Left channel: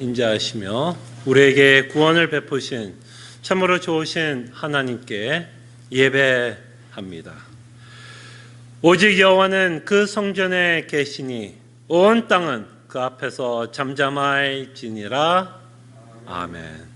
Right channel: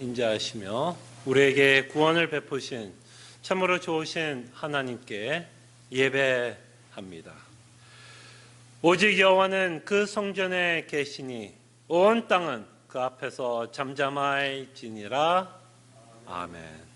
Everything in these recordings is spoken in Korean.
인자하시며 우리에게 구원을 베푸신 참으로 좋으신 하나님께 예배합니다. 오직 여호와는 그 성전에 계시니 온 땅은 그 앞에서 잠잠할지니라. 아멘.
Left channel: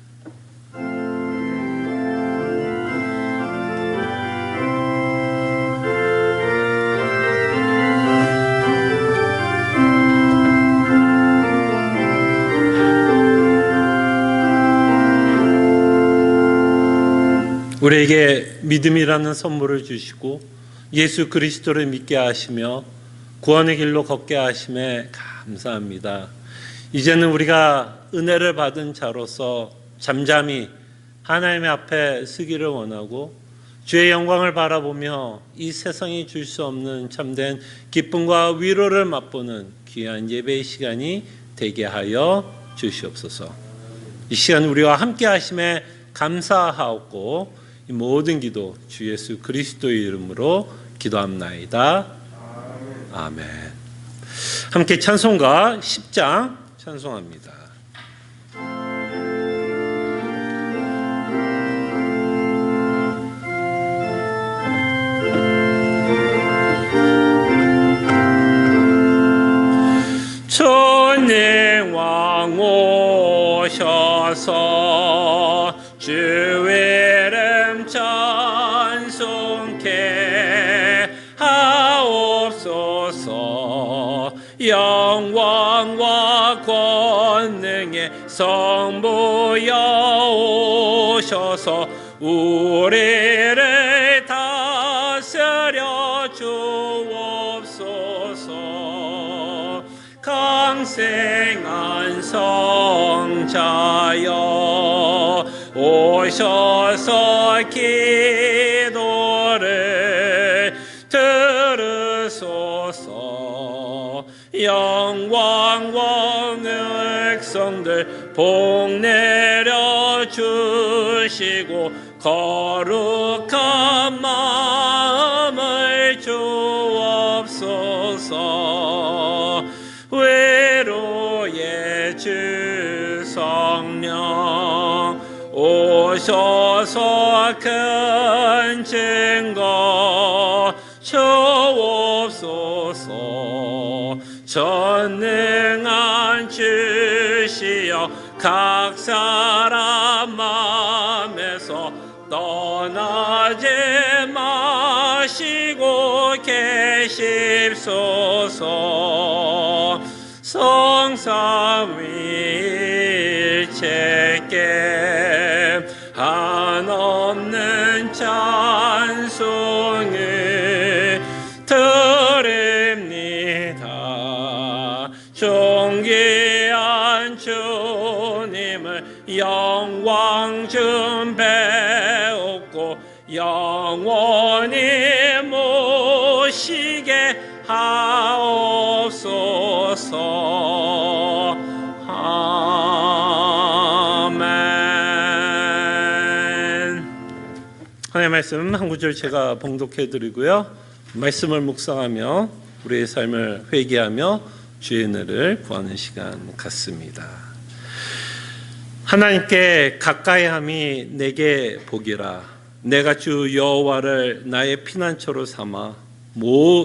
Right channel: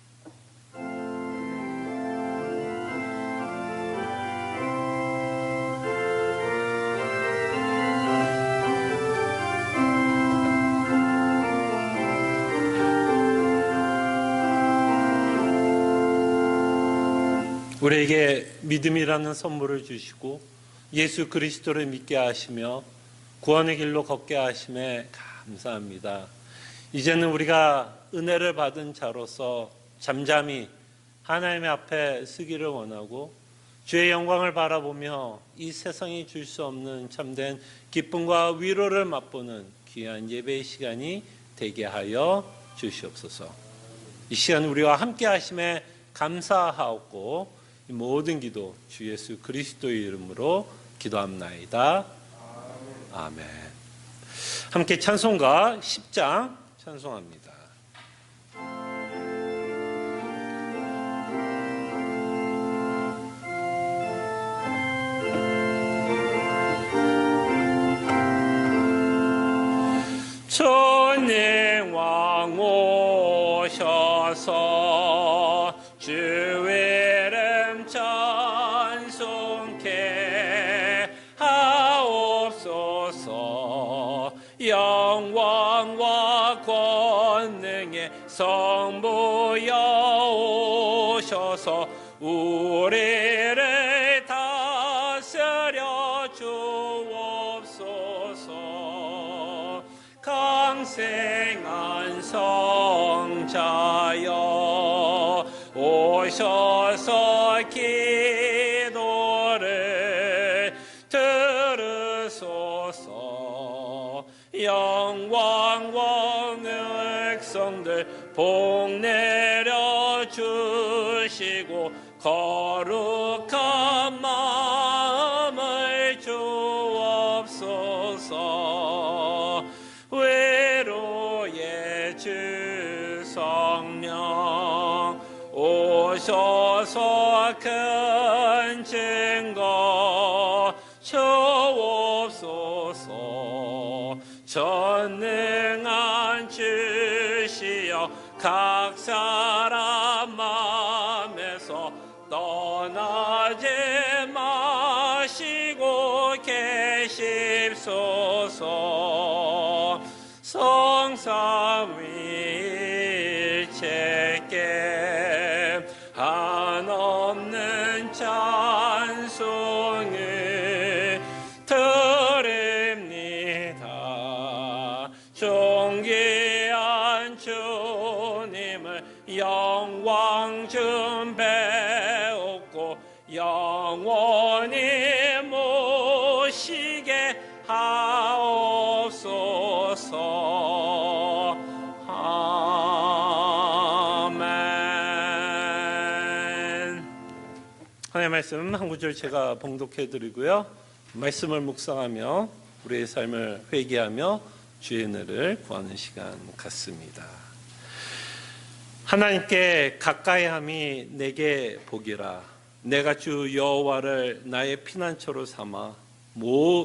우리에게 믿음이라는 선물을 주시고 예수 그리스도를 믿게 하시며 구원의 길로 걷게 하심에 감사합니다. 이제는 우리가 은혜를 받은 자로서 잠잠히 하나님의 앞에 서기를 원하고 주의 영광을 바라보며 이 세상이 줄 수 없는 참된 기쁨과 위로를 맛보는 귀한 예배의 시간이 되게 하여 주시옵소서. 이 시간 우리와 함께 하심에 감사하옵고 이 모든 기도 주 예수 그리스도의 이름으로 기도합나이다. 아멘. 함께 찬송가 10장 찬송합니다. 전능왕 오셔서 주의 찬송케 하옵소서. 영광과 권능의 성부여 오셔서 우리를 다스려 주옵소서. 강생한 성자여 오셔서 기도를 들으소서. 영광과 백성들 복 내려 주시고 거룩한 마음을 주옵소서. 외로의 주 성령 오셔서 큰 증거 주옵소서. 전능한 주시여 각 사람 마음에서 떠나지 마시고 계십소서. 성삼위일체께 한없는 찬송을 드립니다. 존귀한 주님을 영광 좀 배웠고 영원히 모시게 하옵소서. 아멘. 하나님의 말씀 한 구절 제가 봉독해 드리고요, 말씀을 묵상하며 우리의 삶을 회개하며 주의 은혜를 구하는 시간 같습니다. 하나님께 가까이함이 내게 복이라. 내가 주 여호와를 나의 피난처로 삼아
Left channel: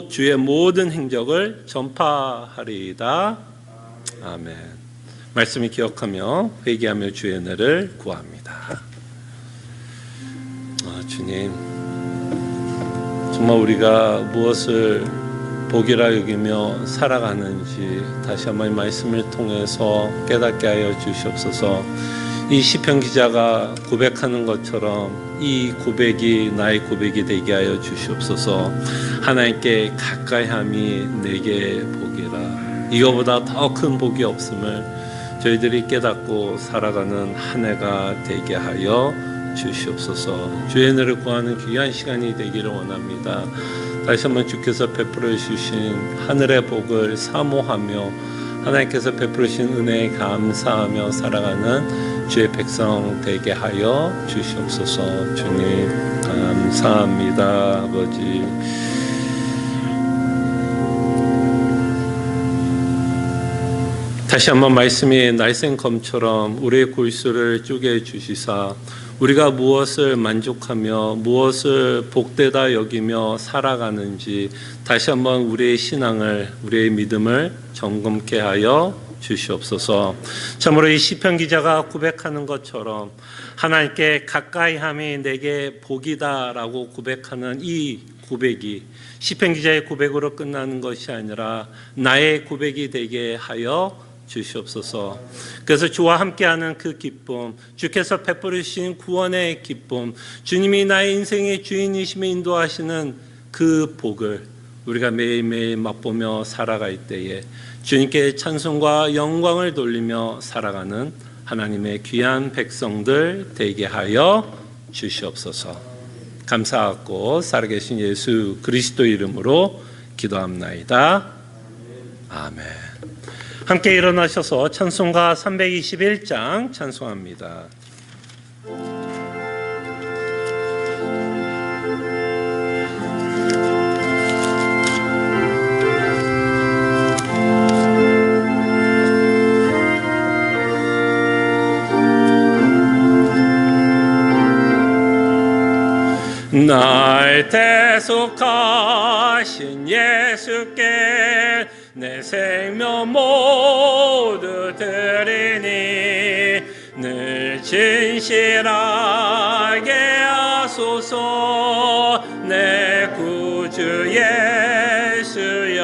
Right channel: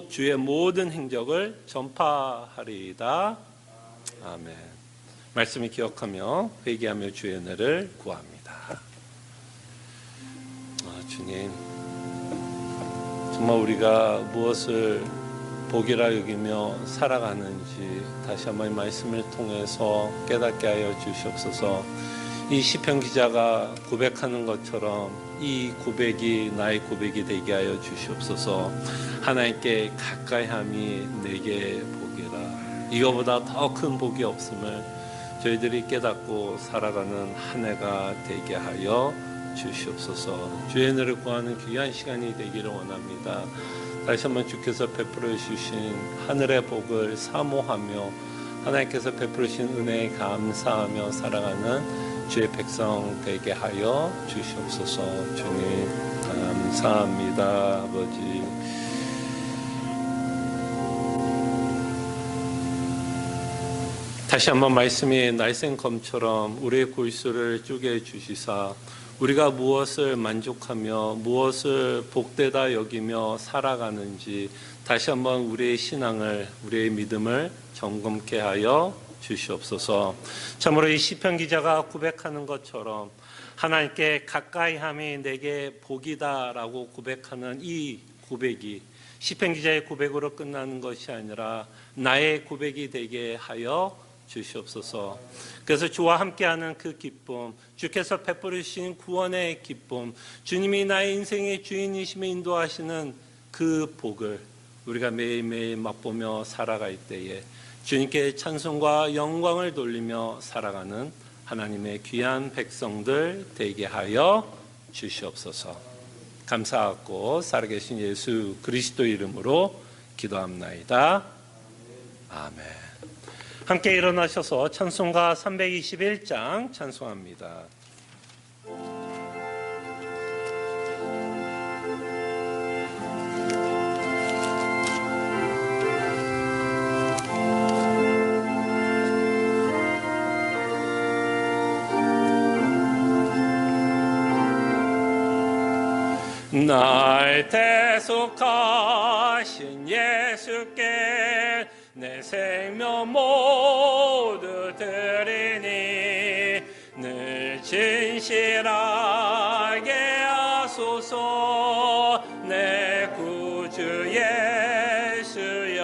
주의 모든 행적을 전파하리이다. 아멘. 말씀을 기억하며 회개하며 주의 은혜를 구합니다. 주님, 정말 우리가 무엇을 복이라 여기며 살아가는지 다시 한번 말씀을 통해서 깨닫게 하여 주시옵소서. 이 시편 기자가 고백하는 것처럼 이 고백이 나의 고백이 되게 하여 주시옵소서. 하나님께 가까이함이 내게 복이라. 이거보다 더 큰 복이 없음을 저희들이 깨닫고 살아가는 한 해가 되게 하여 주시옵소서. 주의 은혜를 구하는 귀한 시간이 되기를 원합니다. 다시 한번 주께서 베풀어 주신 하늘의 복을 사모하며 하나님께서 베풀어 주신 은혜에 감사하며 살아가는 주의 백성 되게 하여 주시옵소서. 주님 감사합니다. 아버지, 다시 한번 말씀이 날쌘검처럼 우리의 골수를 쪼개 주시사 우리가 무엇을 만족하며 무엇을 복되다 여기며 살아가는지 다시 한번 우리의 신앙을, 우리의 믿음을 점검케 하여 주시옵소서. 참으로 이 시편 기자가 고백하는 것처럼 하나님께 가까이함이 내게 복이다라고 고백하는 이 고백이 시편 기자의 고백으로 끝나는 것이 아니라 나의 고백이 되게 하여 주시옵소서. 그래서 주와 함께하는 그 기쁨, 주께서 베풀으신 구원의 기쁨, 주님이 나의 인생의 주인이시며 인도하시는 그 복을 우리가 매일매일 맛보며 살아갈 때에 주님께 찬송과 영광을 돌리며 살아가는 하나님의 귀한 백성들 되게 하여 주시옵소서. 감사하고 살아계신 예수 그리스도 이름으로 기도합나이다. 아멘. 함께 일어나셔서 찬송가 321장 찬송합니다. 날 대속하신 예수께 내 생명 모두 드리니 늘 진실하게 하소서. 내 구주 예수여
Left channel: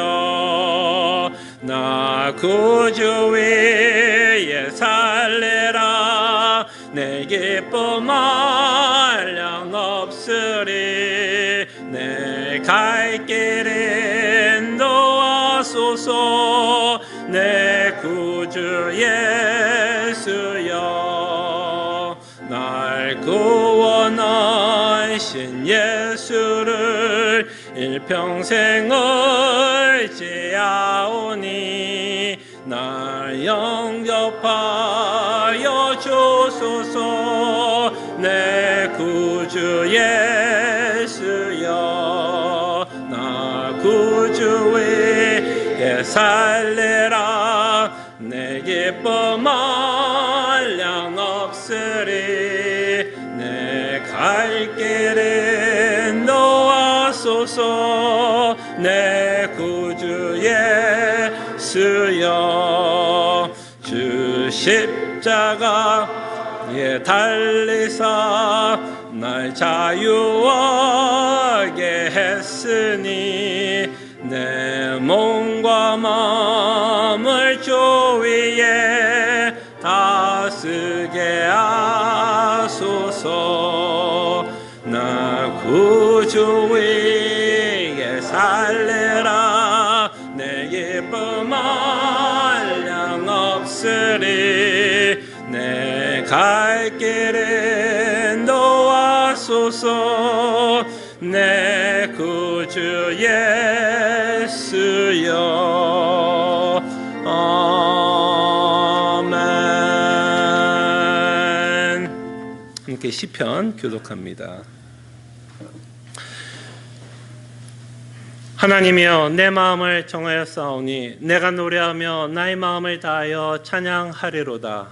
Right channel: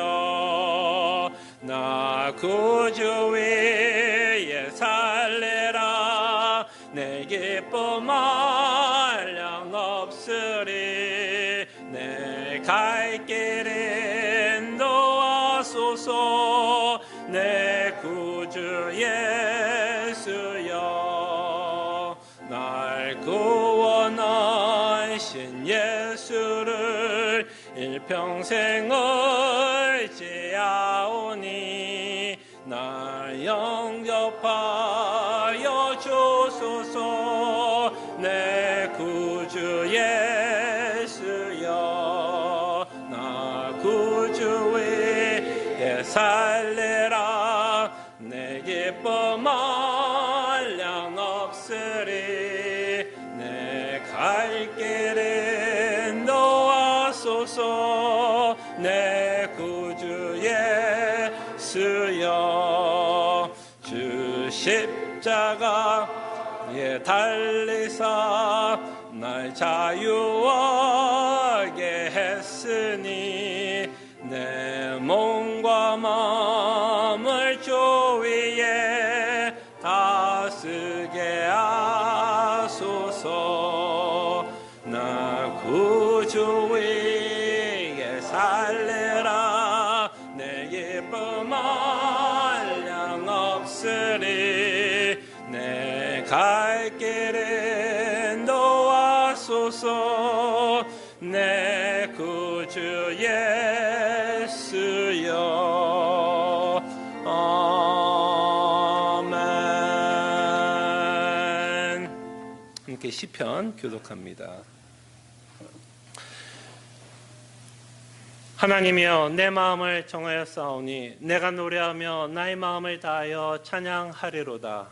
나 구주 위에 살리라. 내 기쁨 한량 없으리. 내 갈 길 인도하소서. 내 구주 예수여 날 구원하신 예수를 일평생 의지하오니 날 영접하여 주소서. 내 구주 예수여 나 구주 위에 살리라. 내 기쁨 한량 없으리. 내 갈 길 인도하소서. 내 구주 예수여 주 십자가에 달리사 날 자유하게 했으니 내 몸과 마음을 주 위에 다스게 하소서. 나 구주 위에 살리라. 내 기쁨 한량 없으리. 내 갈 길 인도하소서. 내 구주 예수여 아멘. 함께 시편 교독합니다. 하나님이여 내 마음을 정하였사오니 내가 노래하며 나의 마음을 다하여 찬양하리로다.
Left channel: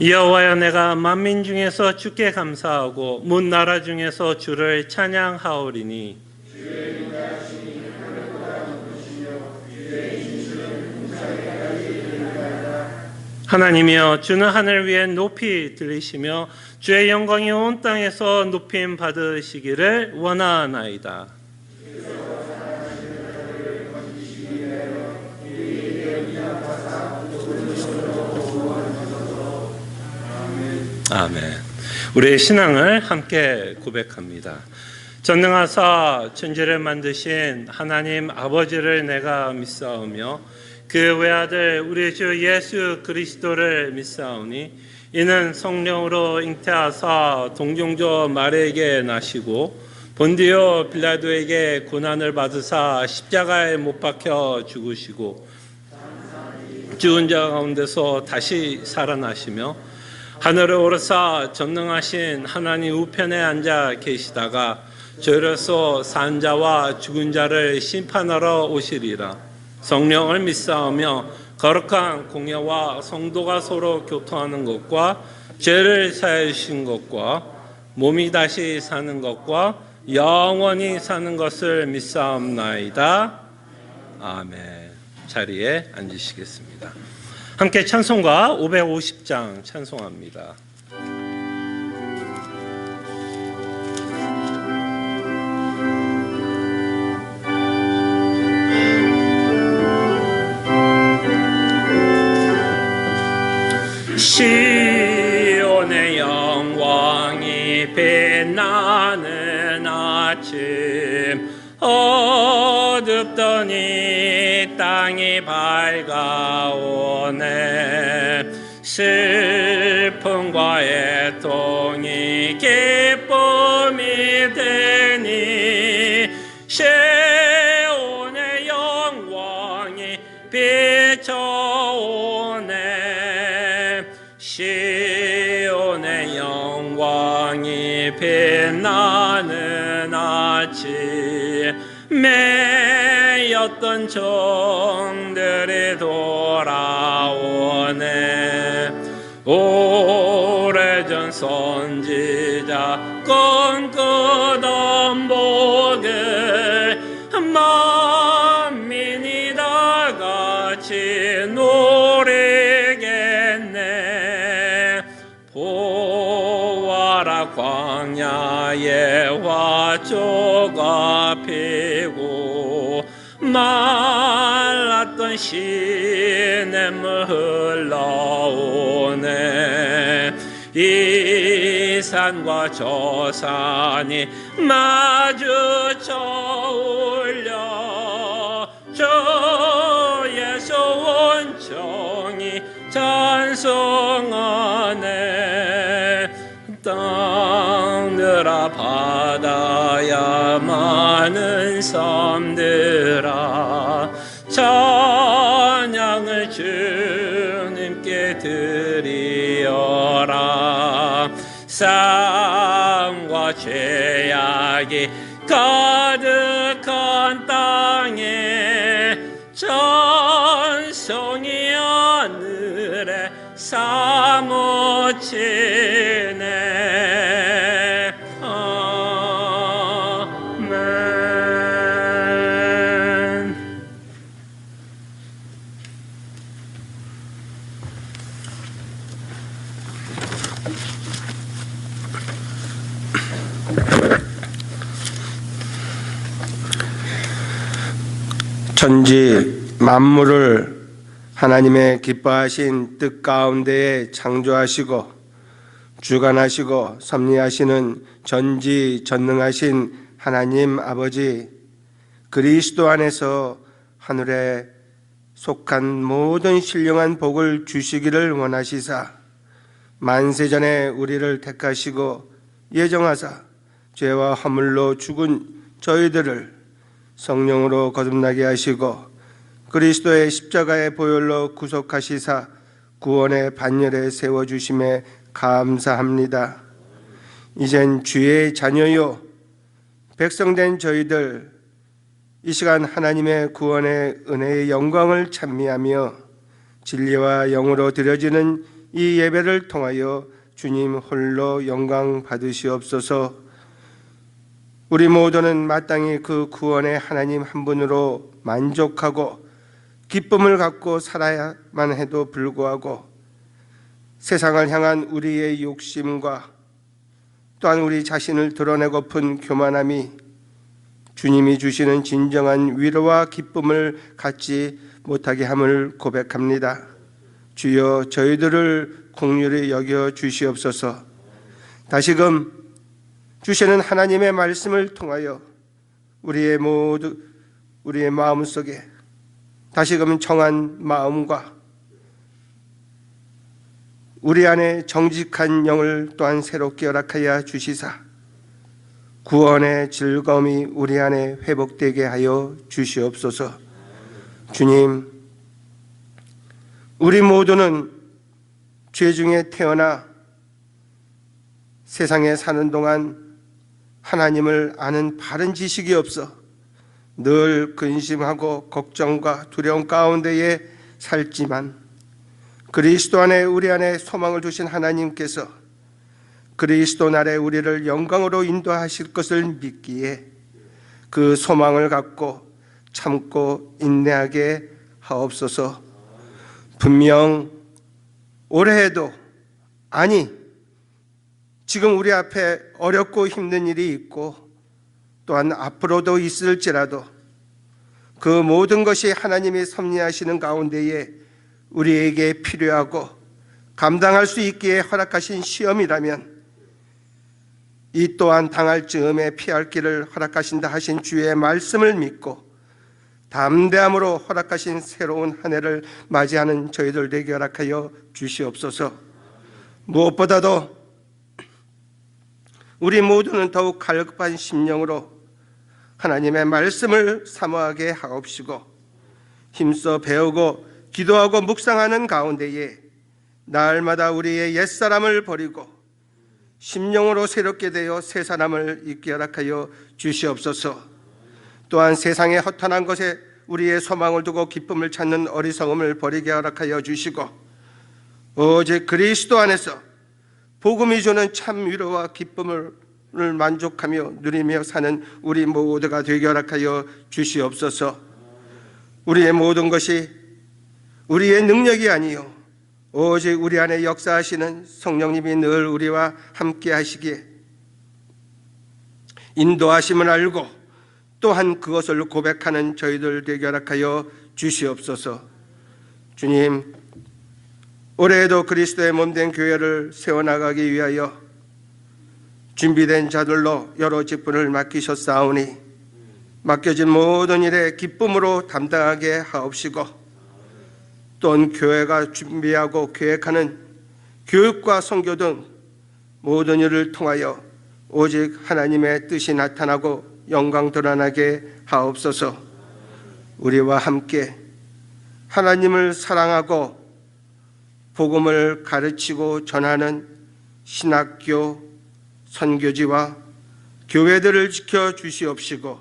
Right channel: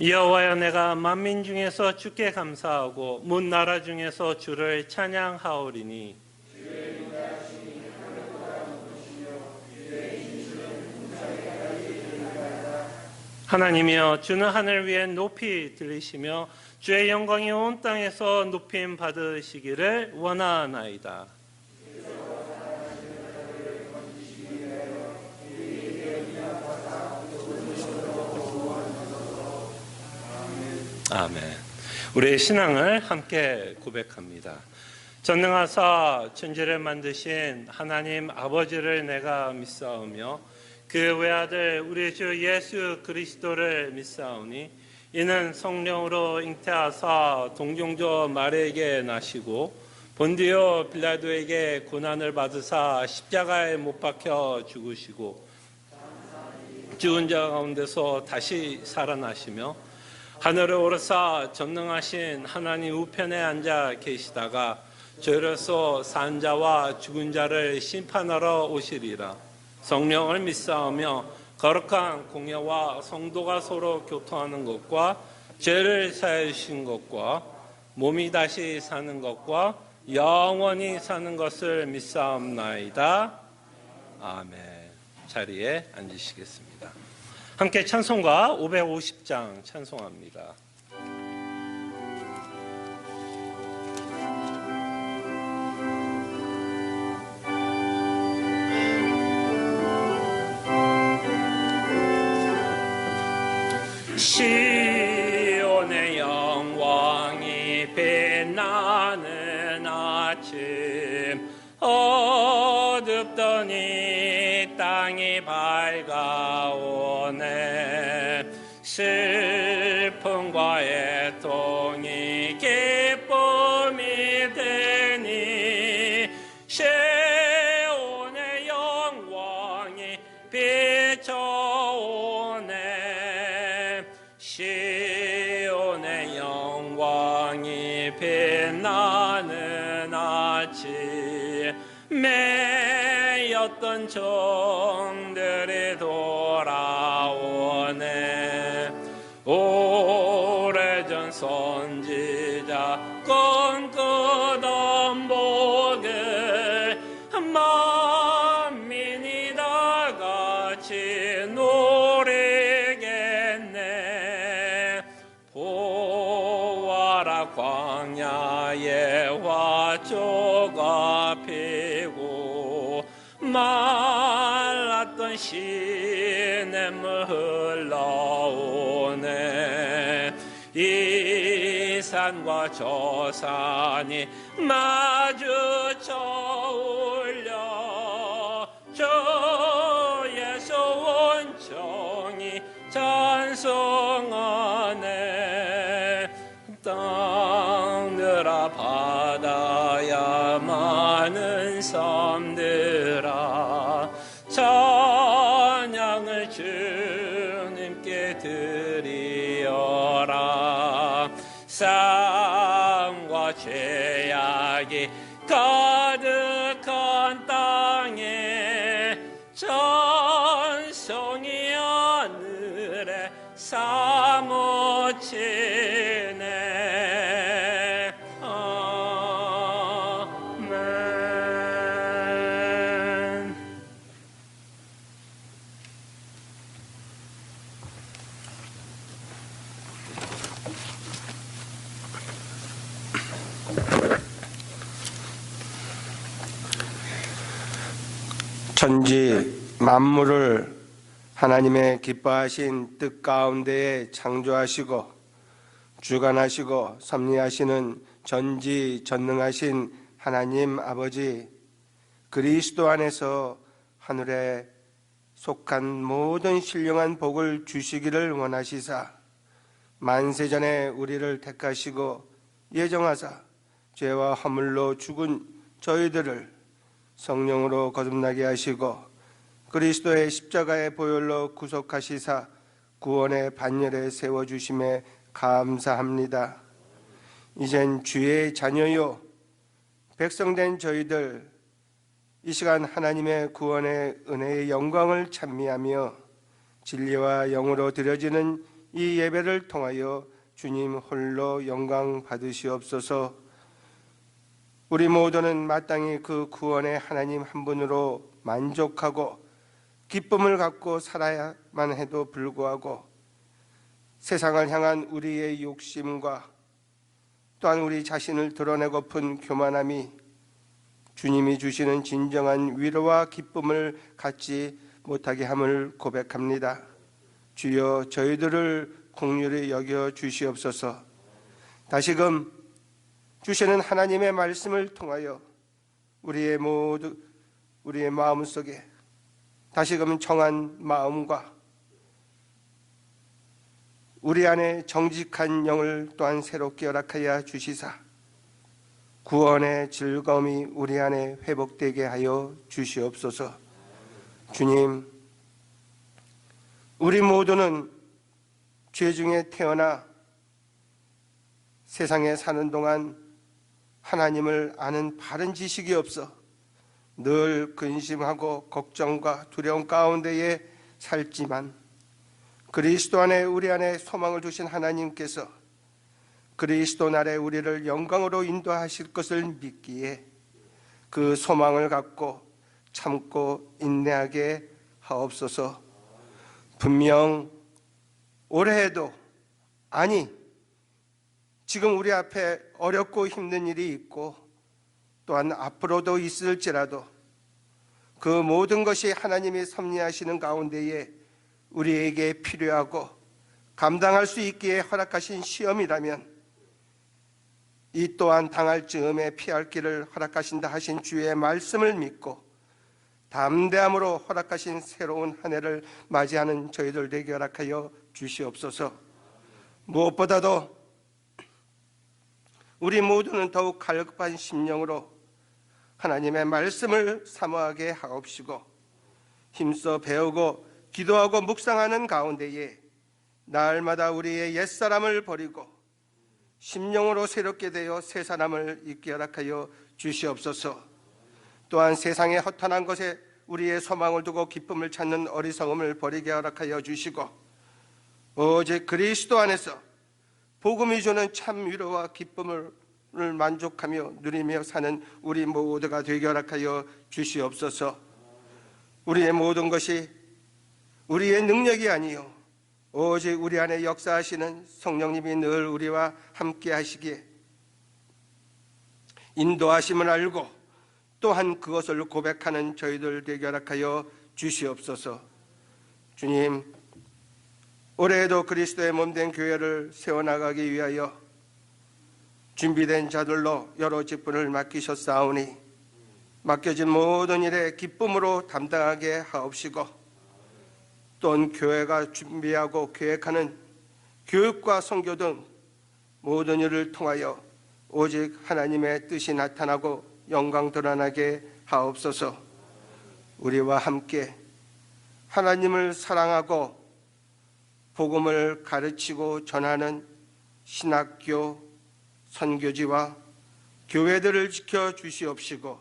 여호와여 내가 만민 중에서 주께 감사하고 문 나라 중에서 주를 찬양하오리니 하나님이여 주는 하늘 위에 높이 들리시며 주의 영광이 온 땅에서 높임 받으시기를 원하나이다. 아멘. 우리의 신앙을 함께 고백합니다. 전능하사 천지를 만드신 하나님 아버지를 내가 믿사오며 그 외아들 우리 주 예수 그리스도를 믿사오니 이는 성령으로 잉태하사 동정조 마리아에게 나시고 본디오 빌라도에게 고난을 받으사 십자가에 못 박혀 죽으시고 죽은 자 가운데서 다시 살아나시며 하늘을 오르사 전능하신 하나님 우편에 앉아 계시다가 주로서 산 자와 죽은 자를 심판하러 오시리라. 성령을 믿사오며 거룩한 공예와 성도가 서로 교통하는 것과 죄를 사하여 주신 것과 몸이 다시 사는 것과 영원히 사는 것을 믿사옵나이다. 아멘. 자리에 앉으시겠습니다. 함께 찬송가 550장 찬송합니다. 시온의 영광이 빛나는 아침, 어둡던 이 땅이 밝아오네. 슬픔과 애통이 기쁨이 되니 시온의 영광이 비춰오네. 시온의 영광이 빛나는 아침, 매였던 종들이 돌아오네. 오래전 선지자 꿈꾸던 복을 만민이 다 같이 누리겠네. 보아라 광야에 화초가 피고 말랐던 시냇물 흘러오네. 이 산과 저 산이 마주쳐 울려 주의 소원청이 찬송하네. 땅들아 바다야 많은 섬들아 찬양을 주님께 드리어라. 삶과 죄악이 가득한 땅에 찬송이 하늘에 사무치네. 아멘. 천지 만물을 하나님의 기뻐하신 뜻 가운데에 창조하시고 주관하시고 섭리하시는 전지전능하신 하나님 아버지, 그리스도 안에서 하늘에 속한 모든 신령한 복을 주시기를 원하시사 만세전에 우리를 택하시고 예정하사 죄와 허물로 죽은 저희들을 성령으로 거듭나게 하시고 그리스도의 십자가의 보혈로 구속하시사 구원의 반열에 세워주심에 감사합니다. 이젠 주의 자녀요 백성된 저희들 이 시간 하나님의 구원의 은혜의 영광을 찬미하며 진리와 영으로 드려지는 이 예배를 통하여 주님 홀로 영광 받으시옵소서. 우리 모두는 마땅히 그 구원의 하나님 한 분으로 만족하고 기쁨을 갖고 살아야만 해도 불구하고 세상을 향한 우리의 욕심과 또한 우리 자신을 드러내고픈 교만함이 주님이 주시는 진정한 위로와 기쁨을 갖지 못하게 함을 고백합니다. 주여 저희들을 긍휼히 여겨 주시옵소서. 다시금 주시는 하나님의 말씀을 통하여 우리의 마음속에 다시금 정한 마음과 우리 안에 정직한 영을 또한 새롭게 허락하여 주시사 구원의 즐거움이 우리 안에 회복되게 하여 주시옵소서. 주님, 우리 모두는 죄 중에 태어나 세상에 사는 동안 하나님을 아는 바른 지식이 없어 늘 근심하고 걱정과 두려움 가운데에 살지만 그리스도 안에 우리 안에 소망을 두신 하나님께서 그리스도 날에 우리를 영광으로 인도하실 것을 믿기에 그 소망을 갖고 참고 인내하게 하옵소서. 분명 올해에도 아니 지금 우리 앞에 어렵고 힘든 일이 있고 또한 앞으로도 있을지라도 그 모든 것이 하나님이 섭리하시는 가운데에 우리에게 필요하고 감당할 수 있기에 허락하신 시험이라면 이 또한 당할 즈음에 피할 길을 허락하신다 하신 주의 말씀을 믿고 담대함으로 허락하신 새로운 한 해를 맞이하는 저희들 되게 허락하여 주시옵소서. 무엇보다도 우리 모두는 더욱 갈급한 심령으로 하나님의 말씀을 사모하게 하옵시고 힘써 배우고 기도하고 묵상하는 가운데에 날마다 우리의 옛사람을 버리고 심령으로 새롭게 되어 새 사람을 있게 허락하여 주시옵소서. 또한 세상의 허탄한 것에 우리의 소망을 두고 기쁨을 찾는 어리석음을 버리게 허락하여 주시고 오직 그리스도 안에서 복음이 주는 참 위로와 기쁨을 만족하며 누리며 사는 우리 모두가 되게 허락하여 주시옵소서. 우리의 모든 것이 우리의 능력이 아니요 오직 우리 안에 역사하시는 성령님이 늘 우리와 함께 하시기에 인도하심을 알고 또한 그것을 고백하는 저희들 되게 허락하여 주시옵소서. 주님, 올해에도 그리스도의 몸된 교회를 세워나가기 위하여 준비된 자들로 여러 직분을 맡기셨사오니 맡겨진 모든 일에 기쁨으로 담당하게 하옵시고 또한 교회가 준비하고 계획하는 교육과 선교 등 모든 일을 통하여 오직 하나님의 뜻이 나타나고 영광 드러나게 하옵소서. 우리와 함께 하나님을 사랑하고 복음을 가르치고 전하는 신학교, 선교지와 교회들을 지켜 주시옵시고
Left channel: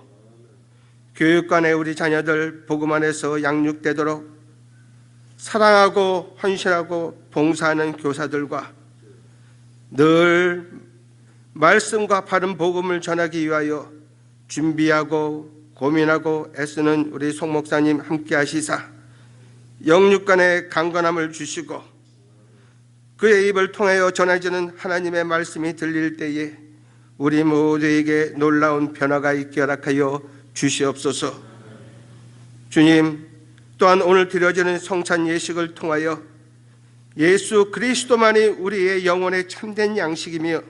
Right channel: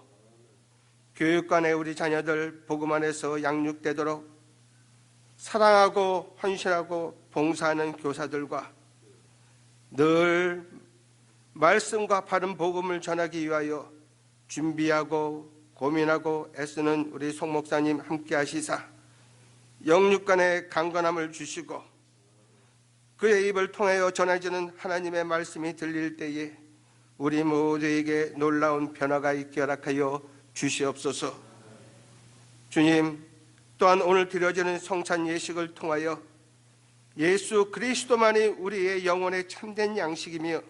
교육관에 우리 자녀들 복음 안에서 양육되도록 사랑하고 헌신하고 봉사하는 교사들과 늘 말씀과 바른 복음을 전하기 위하여 준비하고 고민하고 애쓰는 우리 송 목사님 함께 하시사 영육간의 강건함을 주시고 그의 입을 통하여 전해지는 하나님의 말씀이 들릴 때에 우리 모두에게 놀라운 변화가 있게 허락하여 주시옵소서. 주님, 또한 오늘 드려지는 성찬 예식을 통하여 예수 그리스도만이 우리의 영혼의 참된 양식이며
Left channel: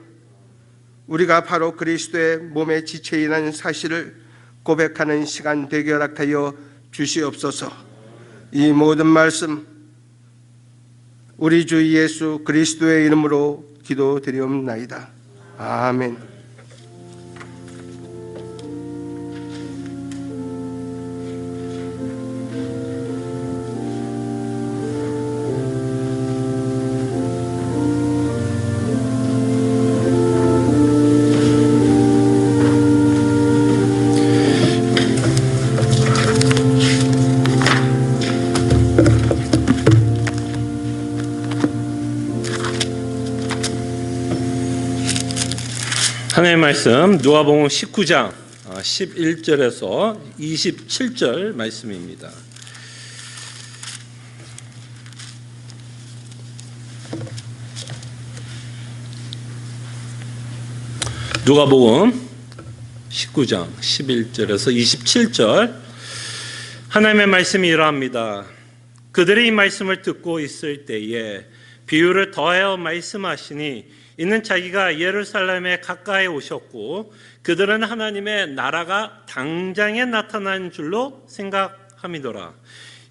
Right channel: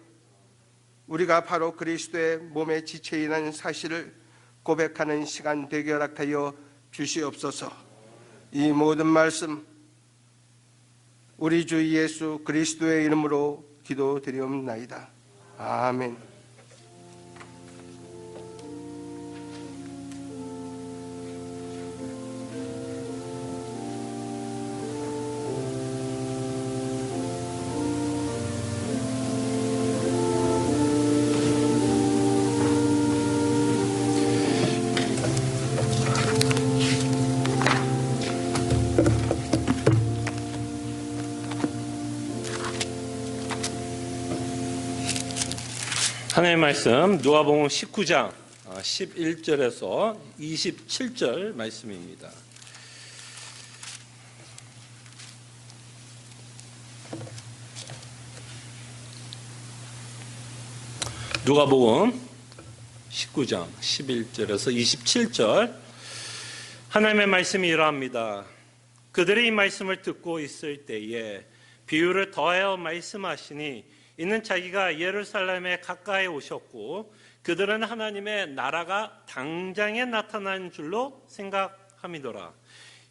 우리가 바로 그리스도의 몸의 지체이라는 사실을 고백하는 시간 되게 허락하여 주시옵소서. 이 모든 말씀 우리 주 예수 그리스도의 이름으로 기도드리옵나이다. 아멘. 하나님의 말씀 누가복음 19장 11절에서 27절 말씀입니다. 누가복음 19장 11절에서 27절 하나님의 말씀이 이러합니다. 그들이 이 말씀을 듣고 있을 때에 비유를 더하여 말씀하시니 이는 자기가 예루살렘에 가까이 오셨고 그들은 하나님의 나라가 당장에 나타난 줄로 생각함이더라.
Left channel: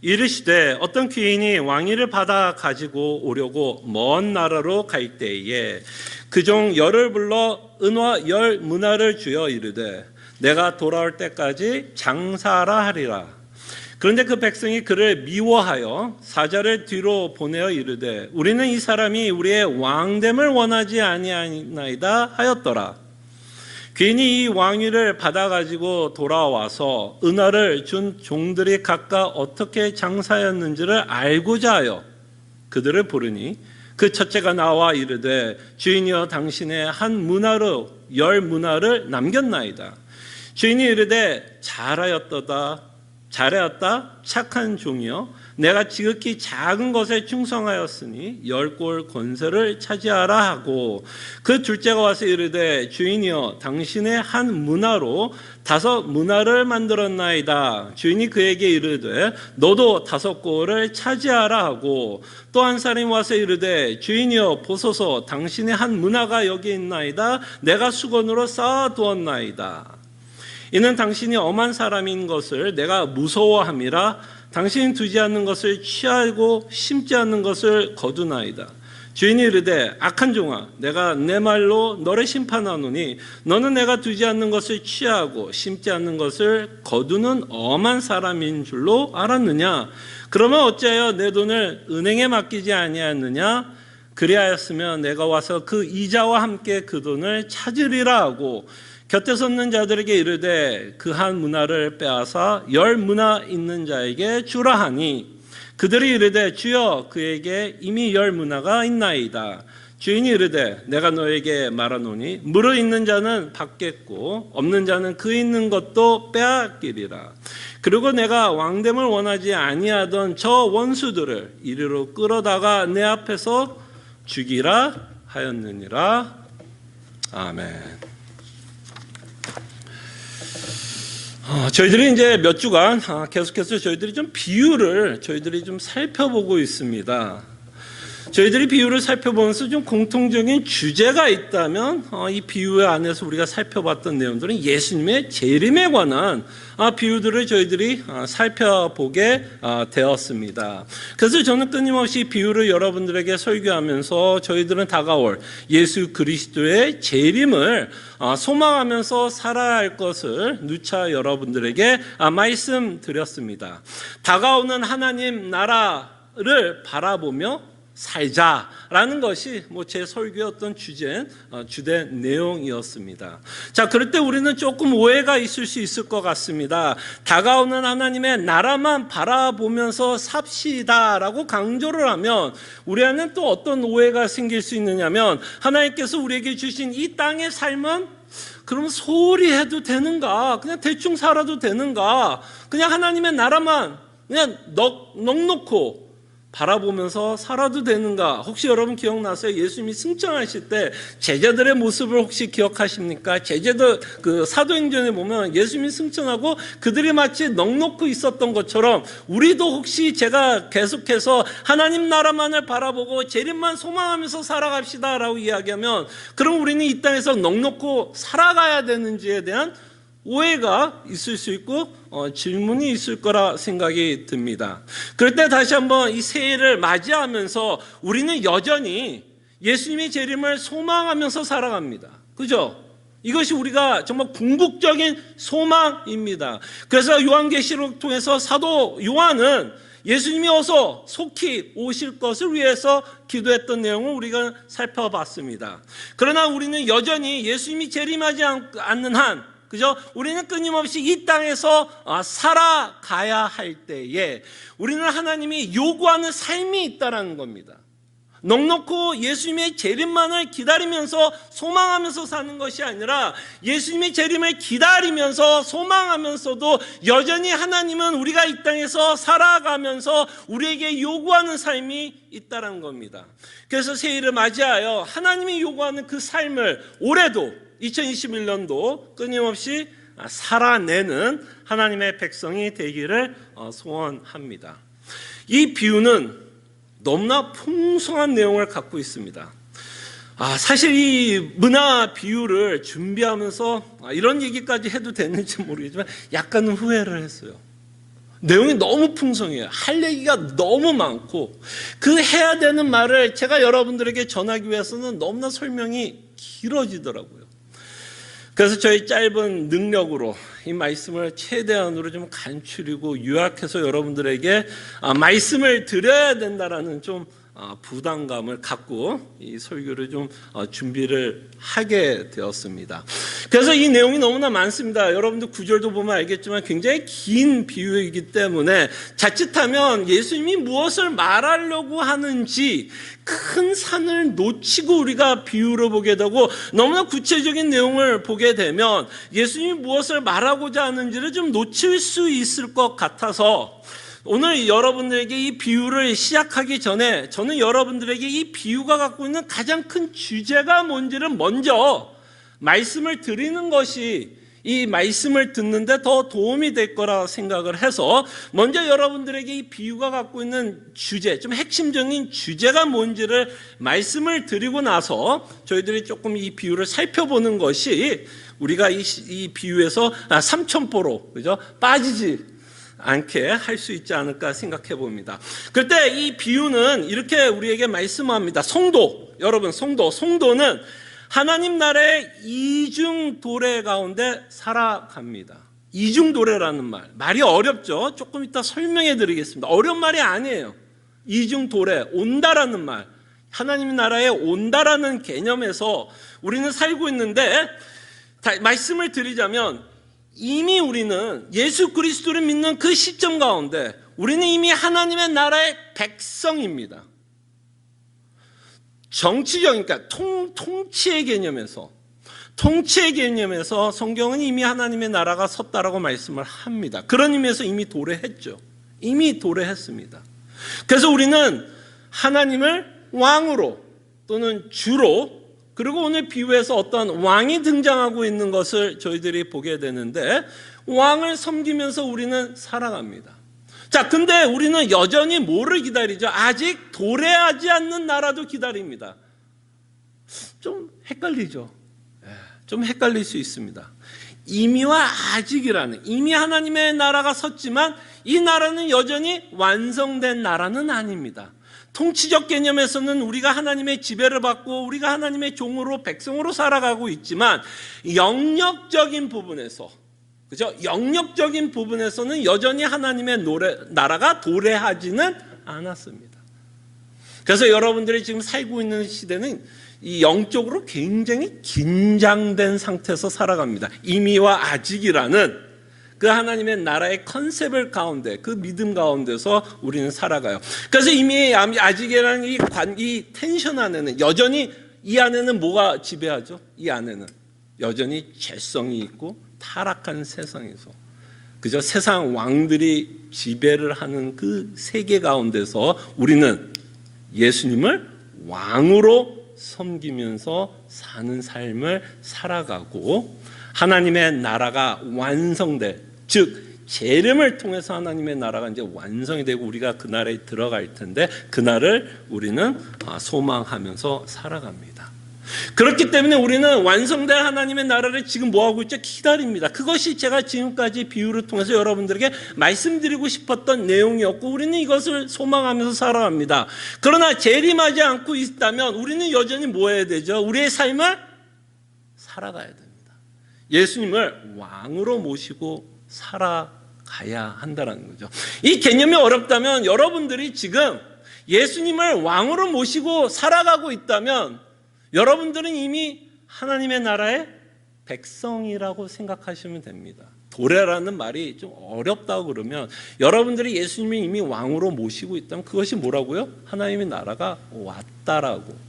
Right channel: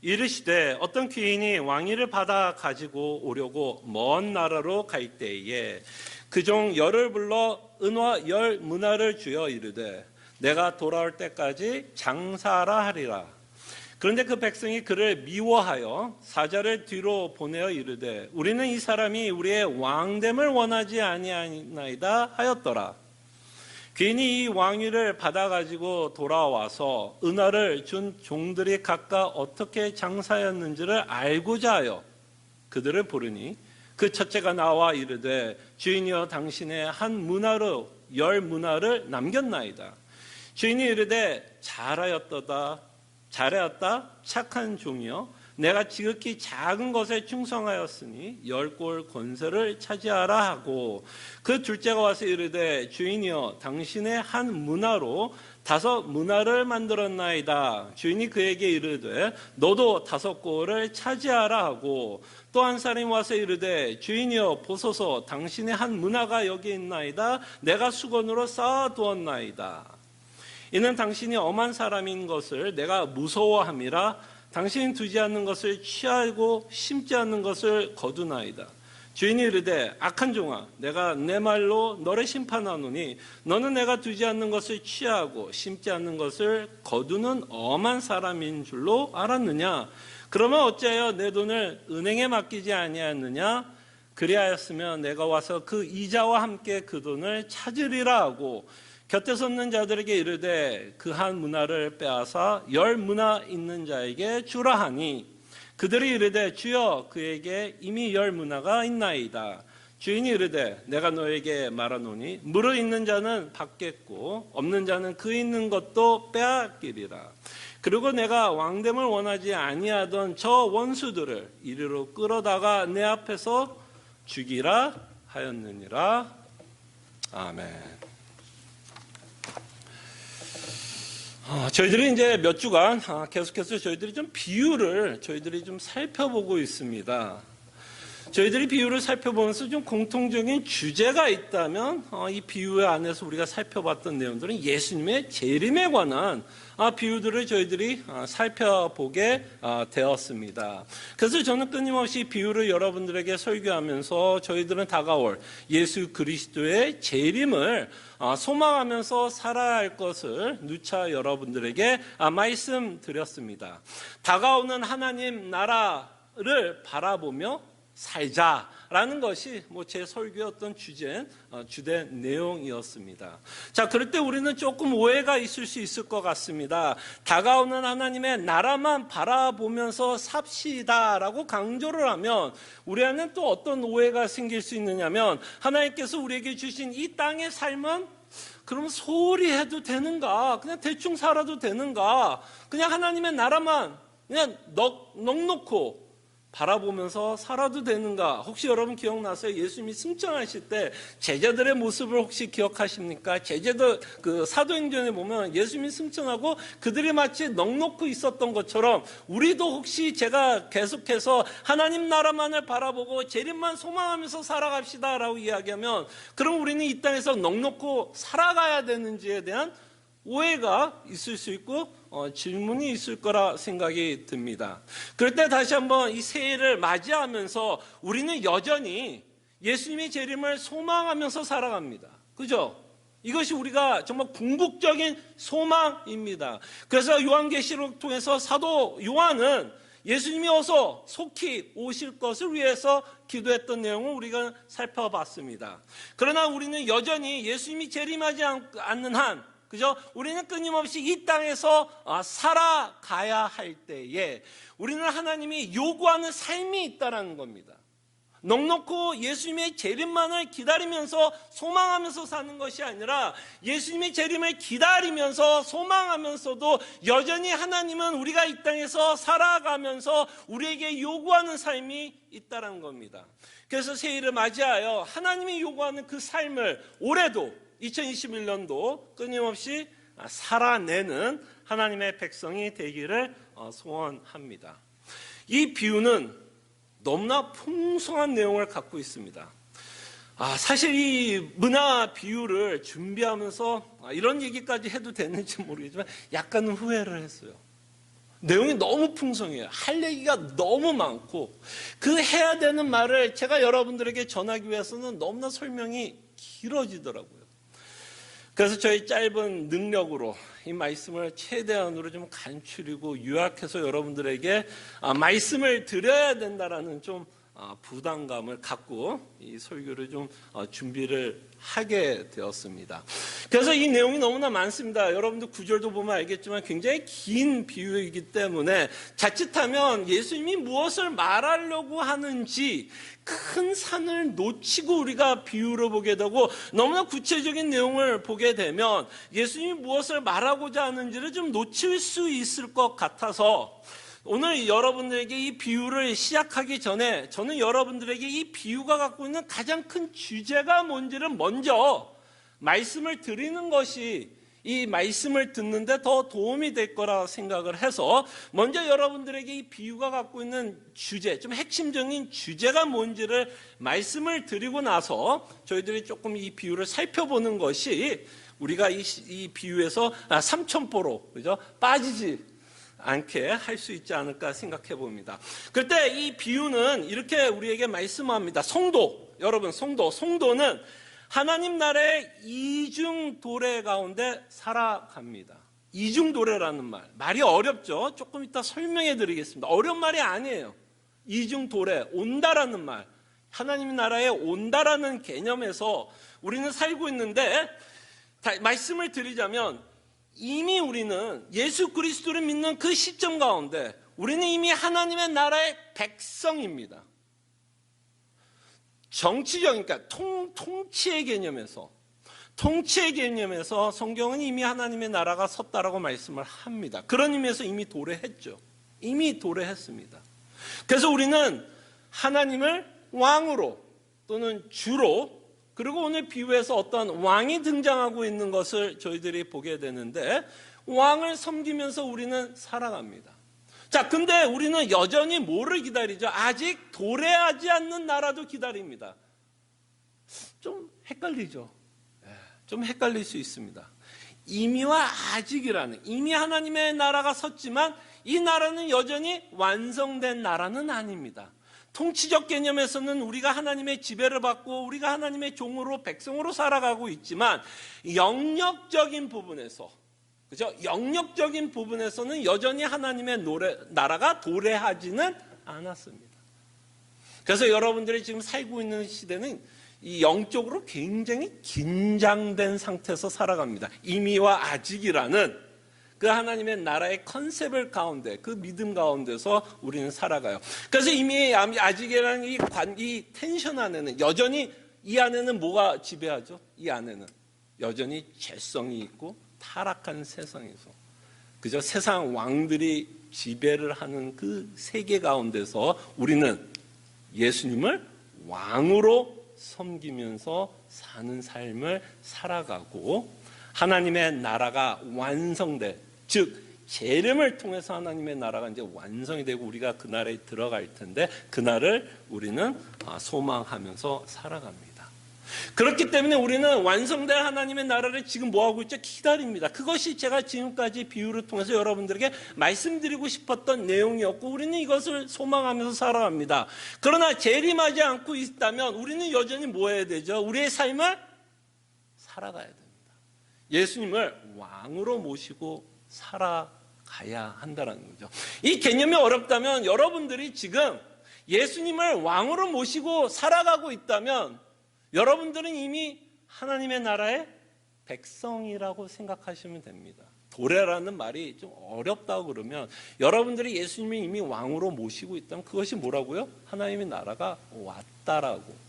이르시되 어떤 귀인이 왕위를 받아 가지고 오려고 먼 나라로 갈 때에 그 종 열을 불러 은화 열 문화를 주어 이르되 내가 돌아올 때까지 장사하라 하리라. 그런데 그 백성이 그를 미워하여 사자를 뒤로 보내어 이르되 우리는 이 사람이 우리의 왕됨을 원하지 아니하나이다 하였더라. 괜히 이 왕위를 받아가지고 돌아와서 은화를 준 종들이 각각 어떻게 장사였는지를 알고자 하여 그들을 부르니 그 첫째가 나와 이르되 주인이여 당신의 한 문화로 10문화를 남겼나이다. 주인이 이르되 잘하였다 착한 종이여 내가 지극히 작은 것에 충성하였으니 10골 권세를 차지하라 하고 그 둘째가 와서 이르되 주인이여 당신의 한 문화로 5문화를 만들었나이다. 주인이 그에게 이르되 너도 5골을 차지하라 하고 또 한 사람이 와서 이르되 주인이여 보소서 당신의 한 문화가 여기 있나이다. 내가 수건으로 쌓아두었나이다. 이는 당신이 엄한 사람인 것을 내가 무서워함이라. 당신이 두지 않는 것을 취하고 심지 않는 것을 거두나이다. 주인이 이르되 악한 종아 내가 내 말로 너를 심판하노니 너는 내가 두지 않는 것을 취하고 심지 않는 것을 거두는 엄한 사람인 줄로 알았느냐. 그러면 어찌하여 내 돈을 은행에 맡기지 아니하였느냐. 그리하였으면 내가 와서 그 이자와 함께 그 돈을 찾으리라 하고 곁에 섰는 자들에게 이르되 그 한 문화를 빼앗아 10문화 있는 자에게 주라 하니 그들이 이르되 주여 그에게 이미 10문화가 있나이다. 주인이 이르되 내가 너에게 말하노니 무릇 있는 자는 받겠고 없는 자는 그 있는 것도 빼앗기리라. 그리고 내가 왕됨을 원하지 아니하던 저 원수들을 이리로 끌어다가 내 앞에서 죽이라 하였느니라. 아멘. 저희들이 이제 몇 주간 계속해서 저희들이 좀 비유를 저희들이 좀 살펴보고 있습니다. 저희들이 비유를 살펴보면서 좀 공통적인 주제가 있다면 이 비유 안에서 우리가 살펴봤던 내용들은 예수님의 재림에 관한 비유들을 저희들이 살펴보게 되었습니다. 그래서 저는 끊임없이 비유를 여러분들에게 설교하면서 저희들은 다가올 예수 그리스도의 재림을 소망하면서 살아야 할 것을 누차 여러분들에게 말씀드렸습니다. 다가오는 하나님 나라를 바라보며 살자라는 것이 제 설교였던 주된 내용이었습니다. 자, 그럴 때 우리는 조금 오해가 있을 수 있을 것 같습니다. 다가오는 하나님의 나라만 바라보면서 삽시다라고 강조를 하면 우리 안에는 또 어떤 오해가 생길 수 있느냐면 하나님께서 우리에게 주신 이 땅의 삶은 그럼 소홀히 해도 되는가? 그냥 대충 살아도 되는가? 그냥 하나님의 나라만 그냥 넉넉고 바라보면서 살아도 되는가? 혹시 여러분 기억나세요? 예수님이 승천하실 때 제자들의 모습을 혹시 기억하십니까? 제자들 사도행전에 보면 예수님이 승천하고 그들이 마치 넉넉히 있었던 것처럼 우리도 혹시 제가 계속해서 하나님 나라만을 바라보고 재림만 소망하면서 살아갑시다라고 이야기하면 그럼 우리는 이 땅에서 넉넉히 살아가야 되는지에 대한 오해가 있을 수 있고 질문이 있을 거라 생각이 듭니다. 그럴 때 다시 한번 이 새해를 맞이하면서 우리는 여전히 예수님의 재림을 소망하면서 살아갑니다. 그죠? 이것이 우리가 정말 궁극적인 소망입니다. 그래서 요한계시록 통해서 사도 요한은 예수님이 어서 속히 오실 것을 위해서 기도했던 내용을 우리가 살펴봤습니다. 그러나 우리는 여전히 예수님이 재림하지 않는 한 그죠? 우리는 끊임없이 이 땅에서 살아가야 할 때에 우리는 하나님이 요구하는 삶이 있다는 겁니다. 넉넉고 예수님의 재림만을 기다리면서 소망하면서 사는 것이 아니라 예수님의 재림을 기다리면서 소망하면서도 여전히 하나님은 우리가 이 땅에서 살아가면서 우리에게 요구하는 삶이 있다는 겁니다. 그래서 새해를 맞이하여 하나님이 요구하는 그 삶을 올해도 2021년도 끊임없이 살아내는 하나님의 백성이 되기를 소원합니다. 이 비유는 너무나 풍성한 내용을 갖고 있습니다. 사실 이 문화 비유를 준비하면서 이런 얘기까지 해도 되는지 모르겠지만 약간은 후회를 했어요. 내용이 너무 풍성해요. 할 얘기가 너무 많고 그 해야 되는 말을 제가 여러분들에게 전하기 위해서는 너무나 설명이 길어지더라고요. 그래서 저희 짧은 능력으로 이 말씀을 최대한으로 좀 간추리고 요약해서 여러분들에게 말씀을 드려야 된다라는 좀 부담감을 갖고 이 설교를 좀 준비를 하게 되었습니다. 그래서 이 내용이 너무나 많습니다. 여러분들 구절도 보면 알겠지만 굉장히 긴 비유이기 때문에 자칫하면 예수님이 무엇을 말하려고 하는지 큰 산을 놓치고 우리가 비유를 보게 되고 너무나 구체적인 내용을 보게 되면 예수님이 무엇을 말하고자 하는지를 좀 놓칠 수 있을 것 같아서 오늘 여러분들에게 이 비유를 시작하기 전에 저는 여러분들에게 이 비유가 갖고 있는 가장 큰 주제가 뭔지를 먼저 말씀을 드리는 것이 이 말씀을 듣는데 더 도움이 될 거라 생각을 해서 먼저 여러분들에게 이 비유가 갖고 있는 주제, 좀 핵심적인 주제가 뭔지를 말씀을 드리고 나서 저희들이 조금 이 비유를 살펴보는 것이 우리가 이 비유에서 삼천포로 그죠? 빠지지 않게 할 수 있지 않을까 생각해 봅니다. 그때 이 비유는 이렇게 우리에게 말씀합니다. 성도, 여러분 성도는 하나님 나라의 이중도래 가운데 살아갑니다. 이중도래라는 말이 어렵죠? 조금 이따 설명해 드리겠습니다. 어려운 말이 아니에요. 이중도래, 온다라는 말, 하나님 나라에 온다라는 개념에서 우리는 살고 있는데 말씀을 드리자면 이미 우리는 예수 그리스도를 믿는 그 시점 가운데 우리는 이미 하나님의 나라의 백성입니다. 정치적인, 그러니까 통치의 개념에서 성경은 이미 하나님의 나라가 섰다라고 말씀을 합니다. 그런 의미에서 이미 도래했죠. 이미 도래했습니다. 그래서 우리는 하나님을 왕으로 또는 주로 그리고 오늘 비유에서 어떤 왕이 등장하고 있는 것을 저희들이 보게 되는데 왕을 섬기면서 우리는 살아갑니다. 자, 근데 우리는 여전히 뭐를 기다리죠? 아직 도래하지 않는 나라도 기다립니다. 좀 헷갈리죠? 좀 헷갈릴 수 있습니다. 이미와 아직이라는, 이미 하나님의 나라가 섰지만 이 나라는 여전히 완성된 나라는 아닙니다. 통치적 개념에서는 우리가 하나님의 지배를 받고 우리가 하나님의 종으로 백성으로 살아가고 있지만 영역적인 부분에서 그죠? 영역적인 부분에서는 여전히 하나님의 나라가 도래하지는 않았습니다. 그래서 여러분들이 지금 살고 있는 시대는 이 영적으로 굉장히 긴장된 상태에서 살아갑니다. 이미와 아직이라는 그 하나님의 나라의 컨셉을 가운데 그 믿음 가운데서 우리는 살아가요. 그래서 이미 아직이라는 이 텐션 안에는 여전히 이 안에는 뭐가 지배하죠? 이 안에는 여전히 죄성이 있고 타락한 세상에서 그저 세상 왕들이 지배를 하는 그 세계 가운데서 우리는 예수님을 왕으로 섬기면서 사는 삶을 살아가고 하나님의 나라가 완성돼, 즉 재림을 통해서 하나님의 나라가 이제 완성이 되고 우리가 그 나라에 들어갈 텐데 그 날을 우리는 소망하면서 살아갑니다. 그렇기 때문에 우리는 완성된 하나님의 나라를 지금 뭐하고 있죠? 기다립니다. 그것이 제가 지금까지 비유를 통해서 여러분들에게 말씀드리고 싶었던 내용이었고 우리는 이것을 소망하면서 살아갑니다. 그러나 재림하지 않고 있다면 우리는 여전히 뭐 해야 되죠? 우리의 삶을 살아가야 됩니다. 예수님을 왕으로 모시고 살아가야 한다는 거죠. 이 개념이 어렵다면 여러분들이 지금 예수님을 왕으로 모시고 살아가고 있다면 여러분들은 이미 하나님의 나라의 백성이라고 생각하시면 됩니다. 도래라는 말이 좀 어렵다고 그러면 여러분들이 예수님을 이미 왕으로 모시고 있다면 그것이 뭐라고요? 하나님의 나라가 왔다라고.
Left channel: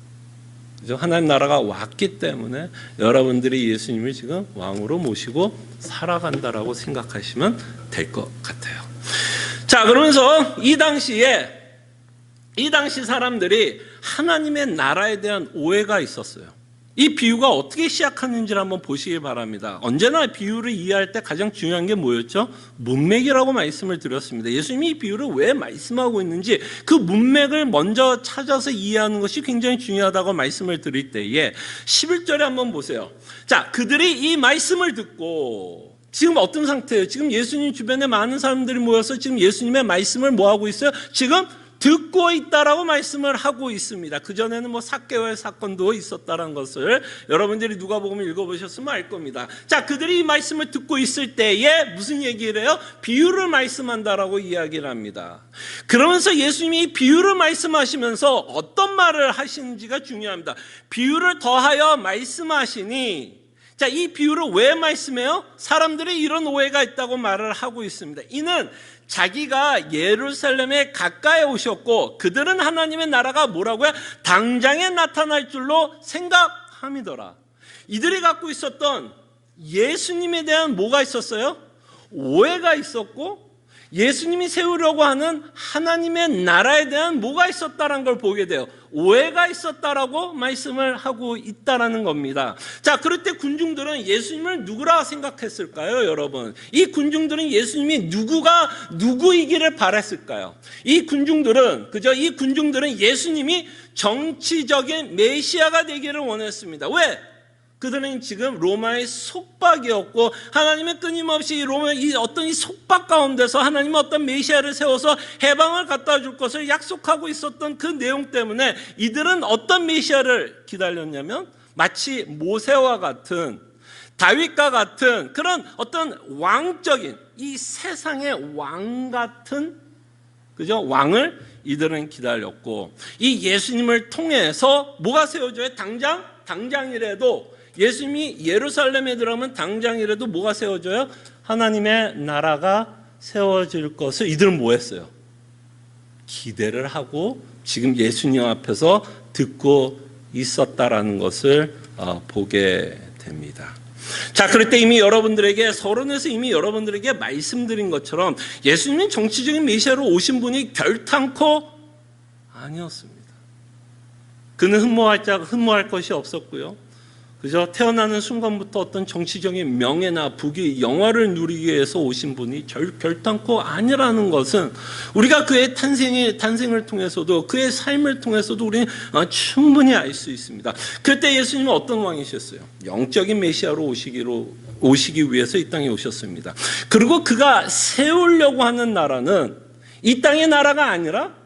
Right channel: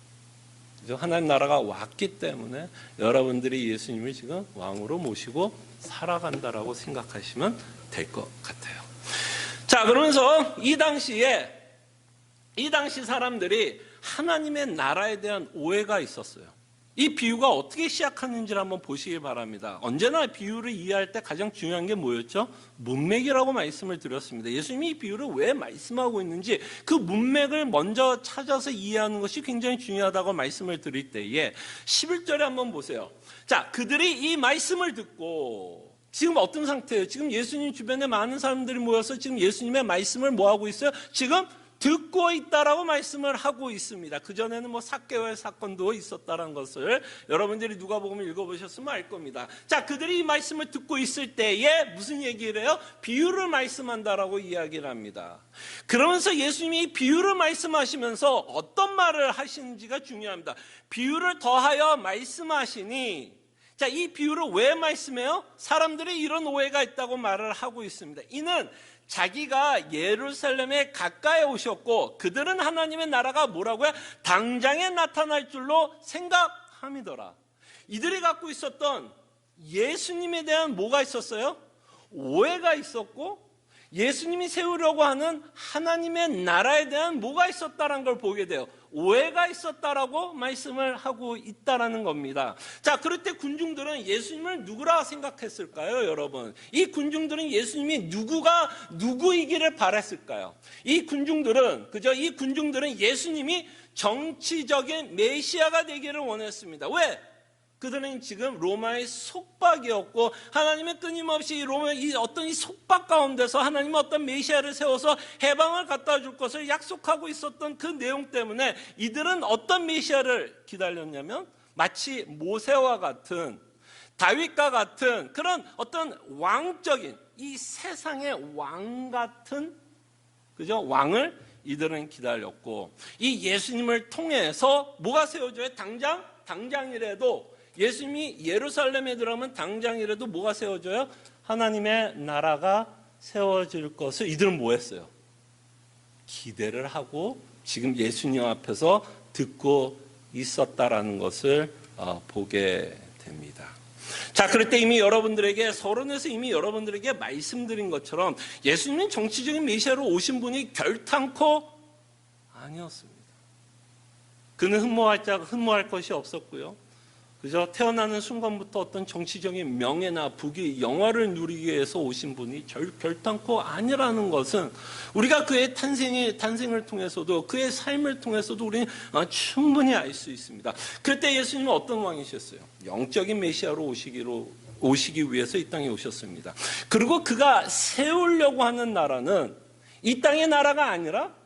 하나님 나라가 왔기 때문에 여러분들이 예수님을 지금 왕으로 모시고 살아간다라고 생각하시면 될 것 같아요. 자, 그러면서 이 당시 사람들이 하나님의 나라에 대한 오해가 있었어요. 이 비유가 어떻게 시작하는지를 한번 보시기 바랍니다. 언제나 비유를 이해할 때 가장 중요한 게 뭐였죠? 문맥이라고 말씀을 드렸습니다. 예수님이 이 비유를 왜 말씀하고 있는지 그 문맥을 먼저 찾아서 이해하는 것이 굉장히 중요하다고 말씀을 드릴 때에 11절에 한번 보세요. 자, 그들이 이 말씀을 듣고 지금 어떤 상태예요? 지금 예수님 주변에 많은 사람들이 모여서 지금 예수님의 말씀을 뭐하고 있어요? 지금 듣고 있다라고 말씀을 하고 있습니다. 그전에는 뭐 삭개오의 사건도 있었다는 것을 여러분들이 누가복음 읽어보셨으면 알 겁니다. 자, 그들이 이 말씀을 듣고 있을 때에 무슨 얘기를 해요? 비유를 말씀한다라고 이야기를 합니다. 그러면서 예수님이 이 비유를 말씀하시면서 어떤 말을 하시는지가 중요합니다. 비유를 더하여 말씀하시니, 자, 이 비유를 왜 말씀해요? 사람들이 이런 오해가 있다고 말을 하고 있습니다. 이는 자기가 예루살렘에 가까이 오셨고 그들은 하나님의 나라가 뭐라고요? 당장에 나타날 줄로 생각함이더라. 이들이 갖고 있었던 예수님에 대한 뭐가 있었어요? 오해가 있었고, 예수님이 세우려고 하는 하나님의 나라에 대한 뭐가 있었다는 걸 보게 돼요. 오해가 있었다라고 말씀을 하고 있다라는 겁니다. 자, 그럴 때 군중들은 예수님을 누구라 생각했을까요, 여러분? 이 군중들은 예수님이 누구이기를 바랐을까요? 이 군중들은 예수님이 정치적인 메시아가 되기를 원했습니다. 왜? 그들은 지금 로마의 속박이었고, 하나님의 끊임없이 이 속박 가운데서 하나님은 어떤 메시아를 세워서 해방을 갖다 줄 것을 약속하고 있었던 그 내용 때문에 이들은 어떤 메시아를 기다렸냐면 마치 모세와 같은, 다윗과 같은 그런 어떤 왕적인, 이 세상의 왕 같은, 그죠? 왕을 이들은 기다렸고, 이 예수님을 통해서 뭐가 세워져요? 당장이라도 예수님이 예루살렘에 들어가면 당장이라도 뭐가 세워져요? 하나님의 나라가 세워질 것을 이들은 뭐 했어요? 기대를 하고 지금 예수님 앞에서 듣고 있었다라는 것을 보게 됩니다. 자, 그럴 때 이미 여러분들에게, 서론에서 이미 여러분들에게 말씀드린 것처럼 예수님은 정치적인 메시아로 오신 분이 결탄코 아니었습니다. 그는 흠모할 것이 없었고요. 그저 태어나는 순간부터 어떤 정치적인 명예나 부귀, 영화를 누리기 위해서 오신 분이 결단코 아니라는 것은 우리가 그의 탄생을 통해서도, 그의 삶을 통해서도 우리는 충분히 알 수 있습니다. 그때 예수님은 어떤 왕이셨어요? 영적인 메시아로 오시기 위해서 이 땅에 오셨습니다. 그리고 그가 세우려고 하는 나라는 이 땅의 나라가 아니라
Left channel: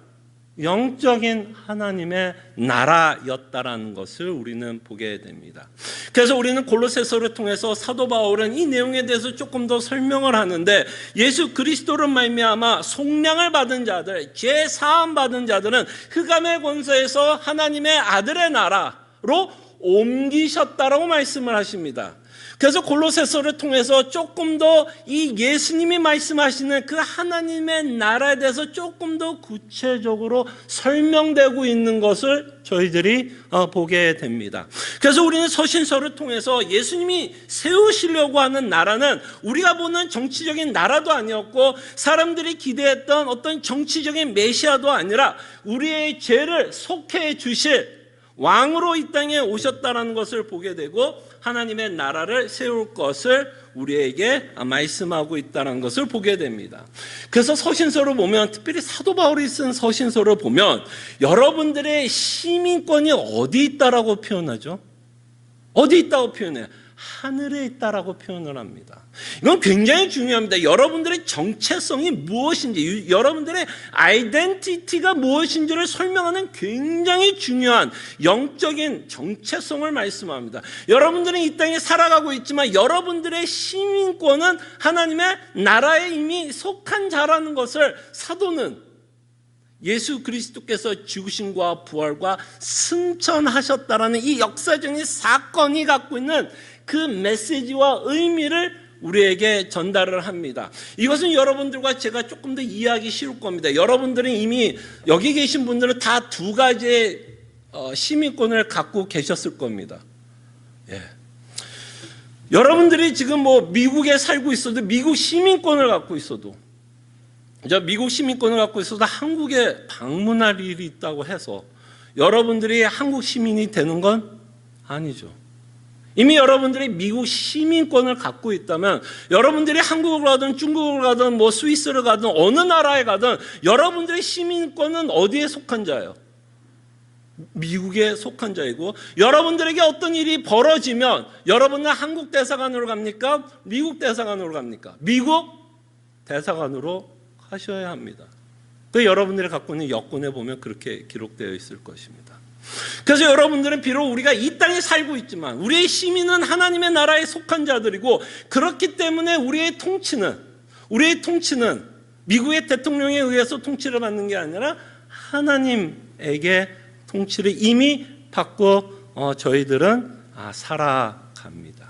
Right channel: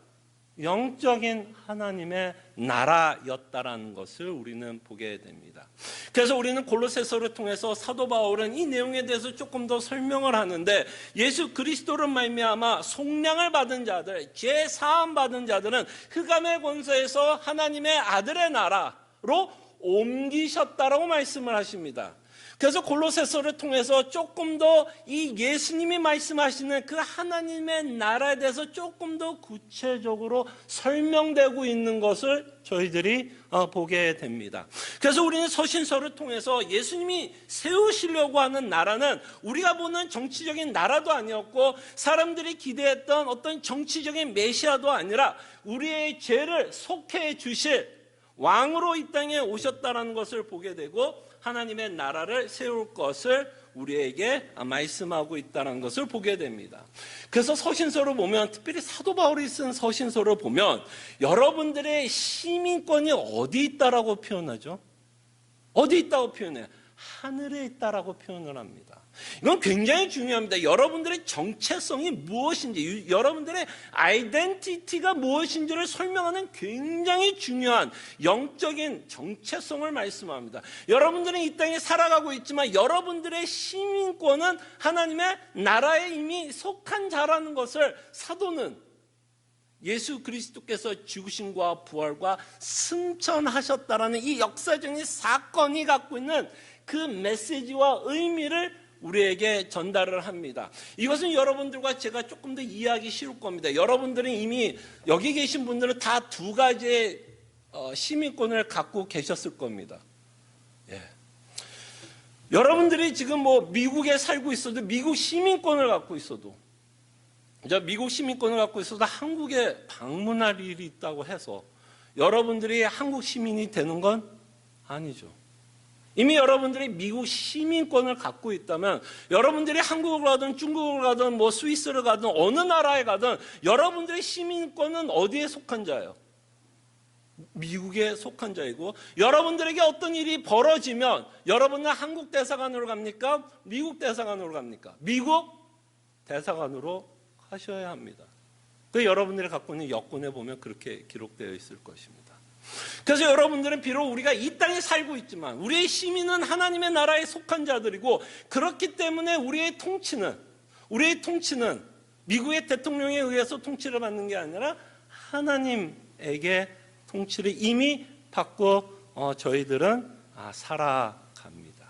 영적인 하나님의 나라였다라는 것을 우리는 보게 됩니다. 그래서 우리는 골로새서를 통해서 사도 바울은 이 내용에 대해서 조금 더 설명을 하는데, 예수 그리스도로 말미암아 속량을 받은 자들, 죄 사함 받은 자들은 흑암의 권세에서 하나님의 아들의 나라로 옮기셨다라고 말씀을 하십니다. 그래서 골로새서를 통해서 조금 더 이 예수님이 말씀하시는 그 하나님의 나라에 대해서 조금 더 구체적으로 설명되고 있는 것을 저희들이 보게 됩니다. 그래서 우리는 서신서를 통해서 예수님이 세우시려고 하는 나라는 우리가 보는 정치적인 나라도 아니었고, 사람들이 기대했던 어떤 정치적인 메시아도 아니라 우리의 죄를 속해 주실 왕으로 이 땅에 오셨다는 것을 보게 되고, 하나님의 나라를 세울 것을 우리에게 말씀하고 있다는 것을 보게 됩니다. 그래서 서신서를 보면, 특별히 사도 바울이 쓴 서신서를 보면 여러분들의 시민권이 어디 있다라고 표현하죠? 어디 있다고 표현해요? 하늘에 있다라고 표현을 합니다. 이건 굉장히 중요합니다. 여러분들의 정체성이 무엇인지, 여러분들의 아이덴티티가 무엇인지를 설명하는 굉장히 중요한 영적인 정체성을 말씀합니다. 여러분들은 이 땅에 살아가고 있지만 여러분들의 시민권은 하나님의 나라에 이미 속한 자라는 것을 사도는 예수 그리스도께서 죽으심과 부활과 승천하셨다라는 이 역사적인 사건이 갖고 있는 그 메시지와 의미를 우리에게 전달을 합니다. 이것은 여러분들과 제가 조금 더 이해하기 쉬울 겁니다. 여러분들은 이미 여기 계신 분들은 다 두 가지의 시민권을 갖고 계셨을 겁니다. 예. 여러분들이 지금 미국에 살고 있어도, 미국 시민권을 갖고 있어도, 미국 시민권을 갖고 있어도 한국에 방문할 일이 있다고 해서 여러분들이 한국 시민이 되는 건 아니죠. 이미 여러분들이 미국 시민권을 갖고 있다면 여러분들이 한국을 가든 중국을 가든 스위스를 가든 어느 나라에 가든 여러분들의 시민권은 어디에 속한 자예요? 미국에 속한 자이고, 여러분들에게 어떤 일이 벌어지면 여러분은 한국 대사관으로 갑니까? 미국 대사관으로 갑니까? 미국 대사관으로 가셔야 합니다. 그 여러분들이 갖고 있는 여권에 보면 그렇게 기록되어 있을 것입니다. 그래서 여러분들은 비록 우리가 이 땅에 살고 있지만 우리의 시민은 하나님의 나라에 속한 자들이고, 그렇기 때문에 우리의 통치는 미국의 대통령에 의해서 통치를 받는 게 아니라 하나님에게 통치를 이미 받고 저희들은 살아갑니다.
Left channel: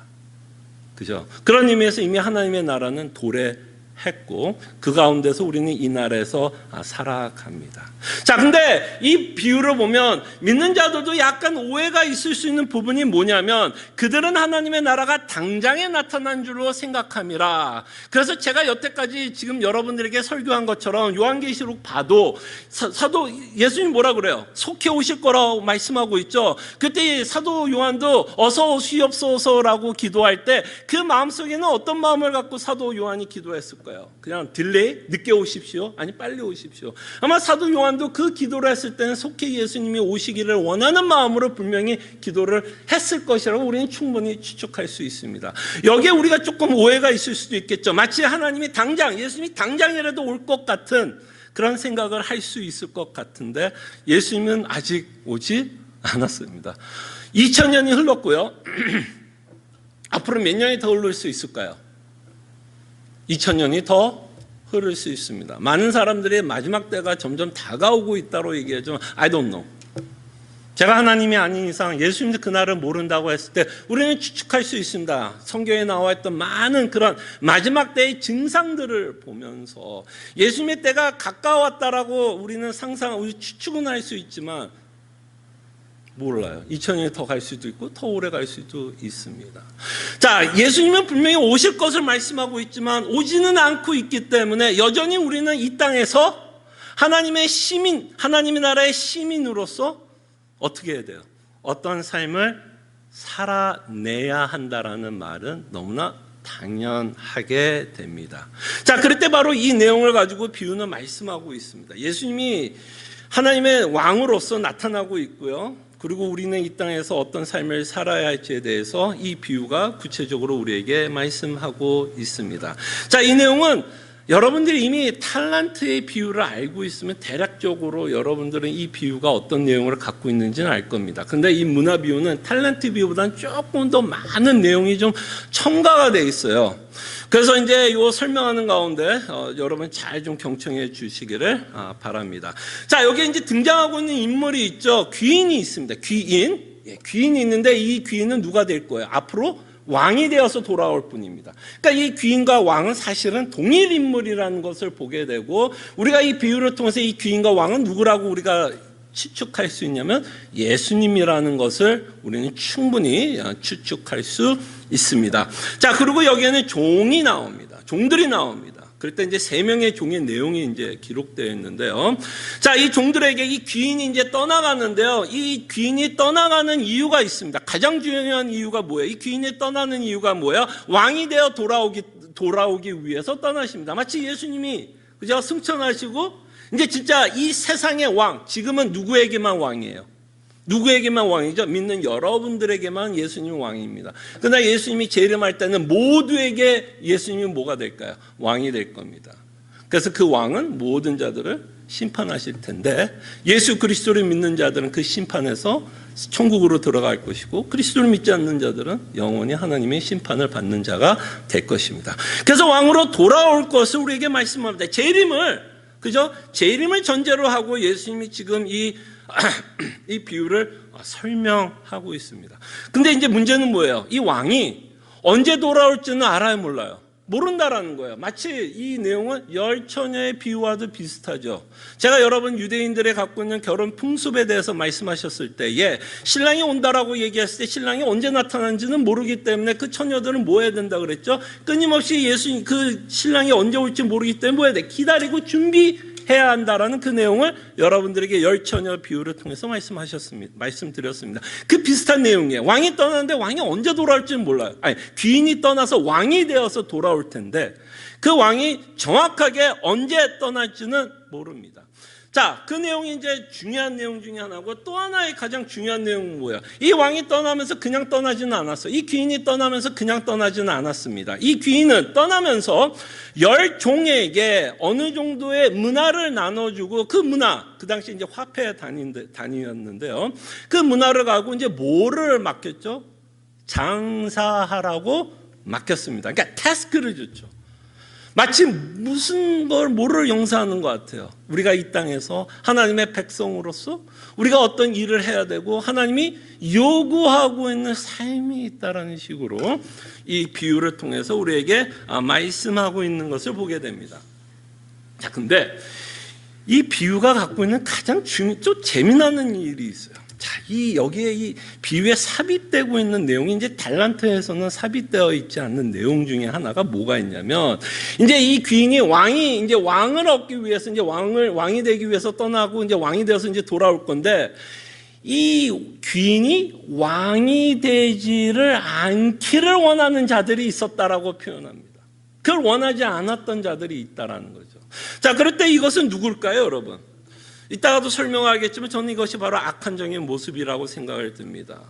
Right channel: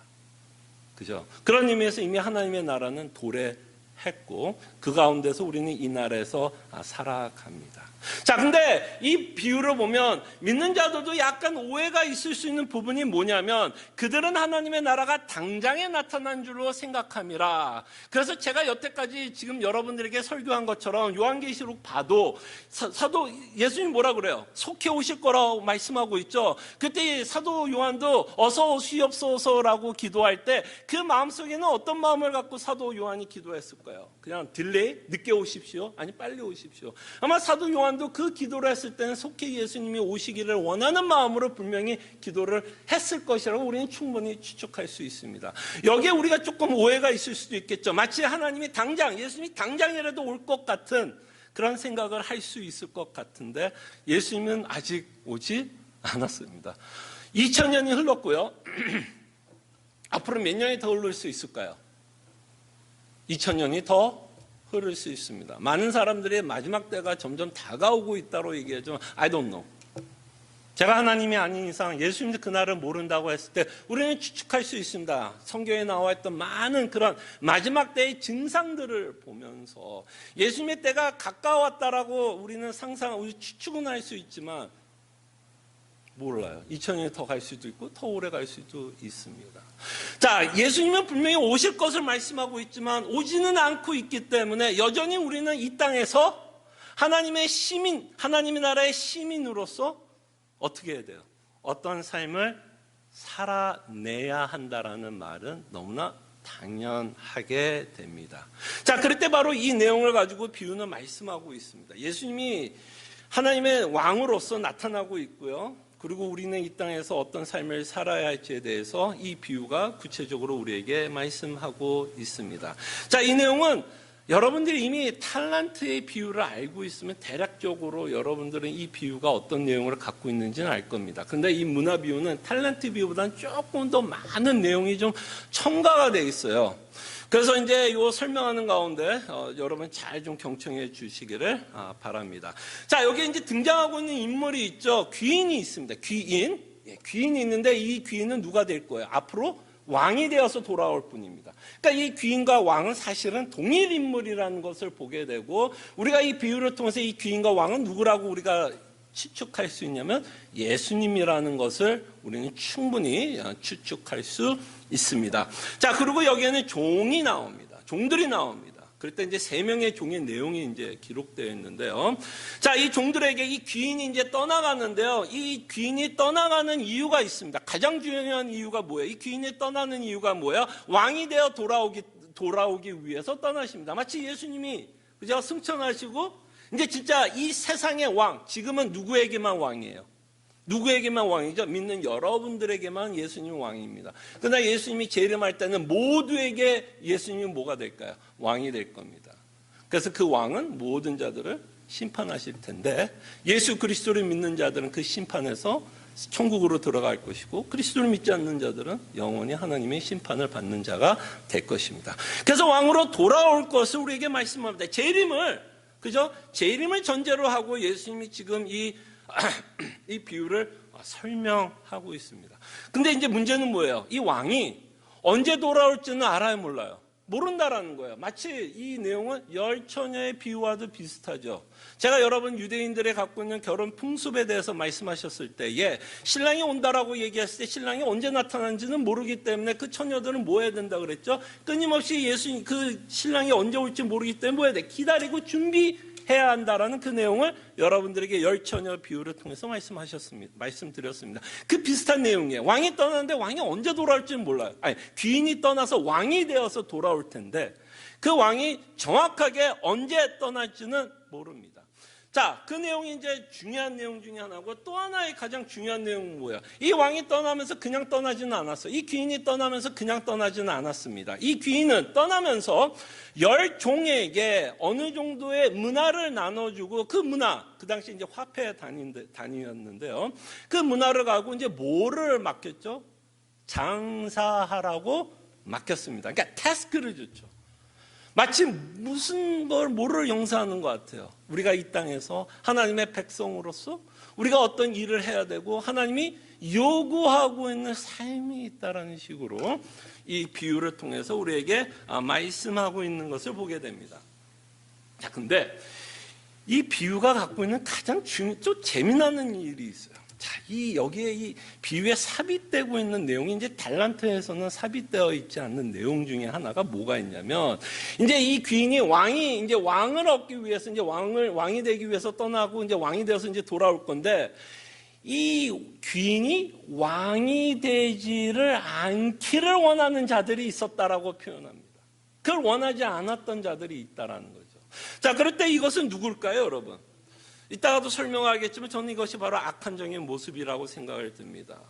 그죠? 그런 의미에서 이미 하나님의 나라는 도래했고 그 가운데서 우리는 이 나라에서 살아갑니다. 자, 근데 이 비유를 보면 믿는 자들도 약간 오해가 있을 수 있는 부분이 뭐냐면, 그들은 하나님의 나라가 당장에 나타난 줄로 생각함이라. 그래서 제가 여태까지 지금 여러분들에게 설교한 것처럼 요한계시록 봐도 사도 예수님 뭐라 그래요? 속히 오실 거라고 말씀하고 있죠. 그때 사도 요한도 어서 오시옵소서라고 기도할 때 그 마음속에는 어떤 마음을 갖고 사도 요한이 기도했을까요? 그냥 딜레이? 늦게 오십시오? 아니 빨리 오십시오. 아마 사도 요한도 그 기도를 했을 때는 속히 예수님이 오시기를 원하는 마음으로 분명히 기도를 했을 것이라고 우리는 충분히 추측할 수 있습니다. 여기에 우리가 조금 오해가 있을 수도 있겠죠. 마치 하나님이 예수님이 당장이라도 올 것 같은 그런 생각을 할 수 있을 것 같은데, 예수님은 아직 오지 않았습니다. 2000년이 흘렀고요. 앞으로 몇 년이 더 흐를 수 있을까요? 2000년이 더 흐를 수 있습니다. 많은 사람들이 마지막 때가 점점 다가오고 있다고 얘기하죠. I don't know. 제가 하나님이 아닌 이상 예수님도 그날을 모른다고 했을 때 우리는 추측할 수 있습니다. 성경에 나와 있던 많은 그런 마지막 때의 증상들을 보면서 예수님의 때가 가까웠다라고 우리는 우리 추측은 할 수 있지만 몰라요. 2000년이 더 갈 수도 있고 더 오래 갈 수도 있습니다. 자, 예수님은 분명히 오실 것을 말씀하고 있지만 오지는 않고 있기 때문에 여전히 우리는 이 땅에서 하나님의 나라의 시민으로서 어떻게 해야 돼요? 어떤 삶을 살아내야 한다라는 말은 너무나 당연하게 됩니다. 자, 그럴 때 바로 이 내용을 가지고 비유는 말씀하고 있습니다. 예수님이 하나님의 왕으로서 나타나고 있고요. 그리고 우리는 이 땅에서 어떤 삶을 살아야 할지에 대해서 이 비유가 구체적으로 우리에게 말씀하고 있습니다. 자, 이 내용은 여러분들이 이미 탈란트의 비유를 알고 있으면 대략적으로 여러분들은 이 비유가 어떤 내용을 갖고 있는지는 알 겁니다. 근데 이 문화 비유는 탈란트 비유보다는 조금 더 많은 내용이 좀 첨가가 돼 있어요. 그래서 이제 이 설명하는 가운데 여러분 잘 좀 경청해 주시기를 바랍니다. 자, 여기 이제 등장하고 있는 인물이 있죠. 귀인이 있습니다. 귀인이 있는데 이 귀인은 누가 될 거예요? 앞으로 왕이 되어서 돌아올 분입니다. 그러니까 이 귀인과 왕은 사실은 동일 인물이라는 것을 보게 되고, 우리가 이 비유를 통해서 이 귀인과 왕은 누구라고 우리가 추측할 수 있냐면 예수님이라는 것을 우리는 충분히 추측할 수 있습니다. 자, 그리고 여기에는 종이 나옵니다. 종들이 나옵니다. 그럴 때 이제 3명의 종의 내용이 이제 기록되어 있는데요. 자, 이 종들에게 이 귀인이 이제 떠나가는데요. 이 귀인이 떠나가는 이유가 있습니다. 가장 중요한 이유가 뭐예요? 이 귀인이 떠나는 이유가 뭐예요? 왕이 되어 돌아오기 위해서 떠나십니다. 마치 예수님이 그죠? 승천하시고 이제 진짜 이 세상의 왕, 지금은 누구에게만 왕이에요? 누구에게만 왕이죠? 믿는 여러분들에게만 예수님이 왕입니다. 그러나 예수님이 재림할 때는 모두에게 예수님이 뭐가 될까요? 왕이 될 겁니다. 그래서 그 왕은 모든 자들을 심판하실 텐데, 예수 그리스도를 믿는 자들은 그 심판에서 천국으로 들어갈 것이고, 그리스도를 믿지 않는 자들은 영원히 하나님의 심판을 받는 자가 될 것입니다. 그래서 왕으로 돌아올 것을 우리에게 말씀합니다. 재림을 전제로 하고 예수님이 지금 이 비유를 설명하고 있습니다. 근데 이제 문제는 뭐예요? 이 왕이 언제 돌아올지는 알아요, 몰라요? 모른다라는 거예요. 마치 이 내용은 열처녀의 비유와도 비슷하죠. 제가 여러분 유대인들의 갖고 있는 결혼 풍습에 대해서 말씀하셨을 때에 신랑이 온다라고 얘기했을 때 신랑이 언제 나타나는지는 모르기 때문에 그 처녀들은 뭐 해야 된다 그랬죠? 끊임없이 그 신랑이 언제 올지 모르기 때문에 뭐 해야 돼? 기다리고 준비해야 한다라는 그 내용을 여러분들에게 열처녀 비유를 통해서 말씀드렸습니다. 그 비슷한 내용이에요. 왕이 떠나는데 왕이 언제 돌아올지는 몰라요. 귀인이 떠나서 왕이 되어서 돌아올 텐데 그 왕이 정확하게 언제 떠날지는 모릅니다. 자, 그 내용이 이제 중요한 내용 중에 하나고, 또 하나의 가장 중요한 내용은 뭐예요? 이 왕이 떠나면서 그냥 떠나지는 않았어요. 이 귀인이 떠나면서 그냥 떠나지는 않았습니다. 이 귀인은 떠나면서 10종에게 어느 정도의 문화를 나눠주고, 그 문화, 그 당시 이제 화폐 단위였는데요. 그 문화를 가지고 이제 뭐를 맡겼죠? 장사하라고 맡겼습니다. 그러니까 태스크를 줬죠. 마치 무슨 뭐를 용서하는 것 같아요. 우리가 이 땅에서 하나님의 백성으로서 우리가 어떤 일을 해야 되고 하나님이 요구하고 있는 삶이 있다라는 식으로 이 비유를 통해서 우리에게 말씀하고 있는 것을 보게 됩니다. 자, 근데 이 비유가 갖고 있는 가장 좀 재미나는 일이 있어요. 자, 여기에 이 비유에 삽입되고 있는 내용이 이제 달란트에서는 삽입되어 있지 않는 내용 중에 하나가 뭐가 있냐면, 이제 이 귀인이 이제 왕을 얻기 위해서 이제 왕이 되기 위해서 떠나고 이제 왕이 되어서 이제 돌아올 건데, 이 귀인이 왕이 되지를 않기를 원하는 자들이 있었다라고 표현합니다. 그걸 원하지 않았던 자들이 있다라는 거죠. 자, 그럴 때 이것은 누굴까요, 여러분? 이따가도 설명하겠지만 저는 이것이 바로 악한 종의 모습이라고 생각을 듭니다.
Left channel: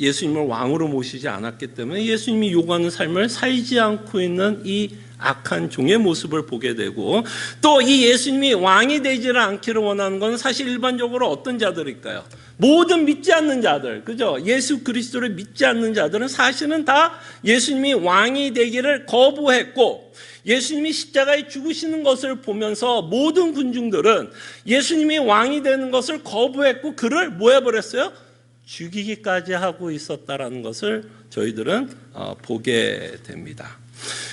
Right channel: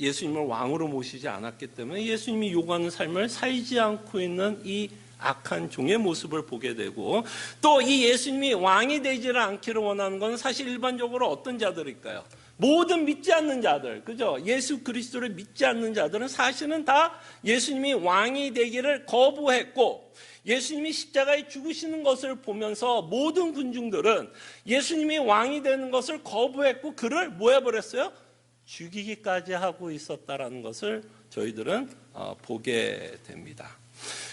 예수님을 왕으로 모시지 않았기 때문에 예수님이 요구하는 삶을 살지 않고 있는 이 악한 종의 모습을 보게 되고, 또 이 예수님이 왕이 되지를 않기를 원하는 건 사실 일반적으로 어떤 자들일까요? 모든 믿지 않는 자들, 그죠? 예수 그리스도를 믿지 않는 자들은 사실은 다 예수님이 왕이 되기를 거부했고, 예수님이 십자가에 죽으시는 것을 보면서 모든 군중들은 예수님이 왕이 되는 것을 거부했고 그를 뭐 해버렸어요? 죽이기까지 하고 있었다라는 것을 저희들은 보게 됩니다.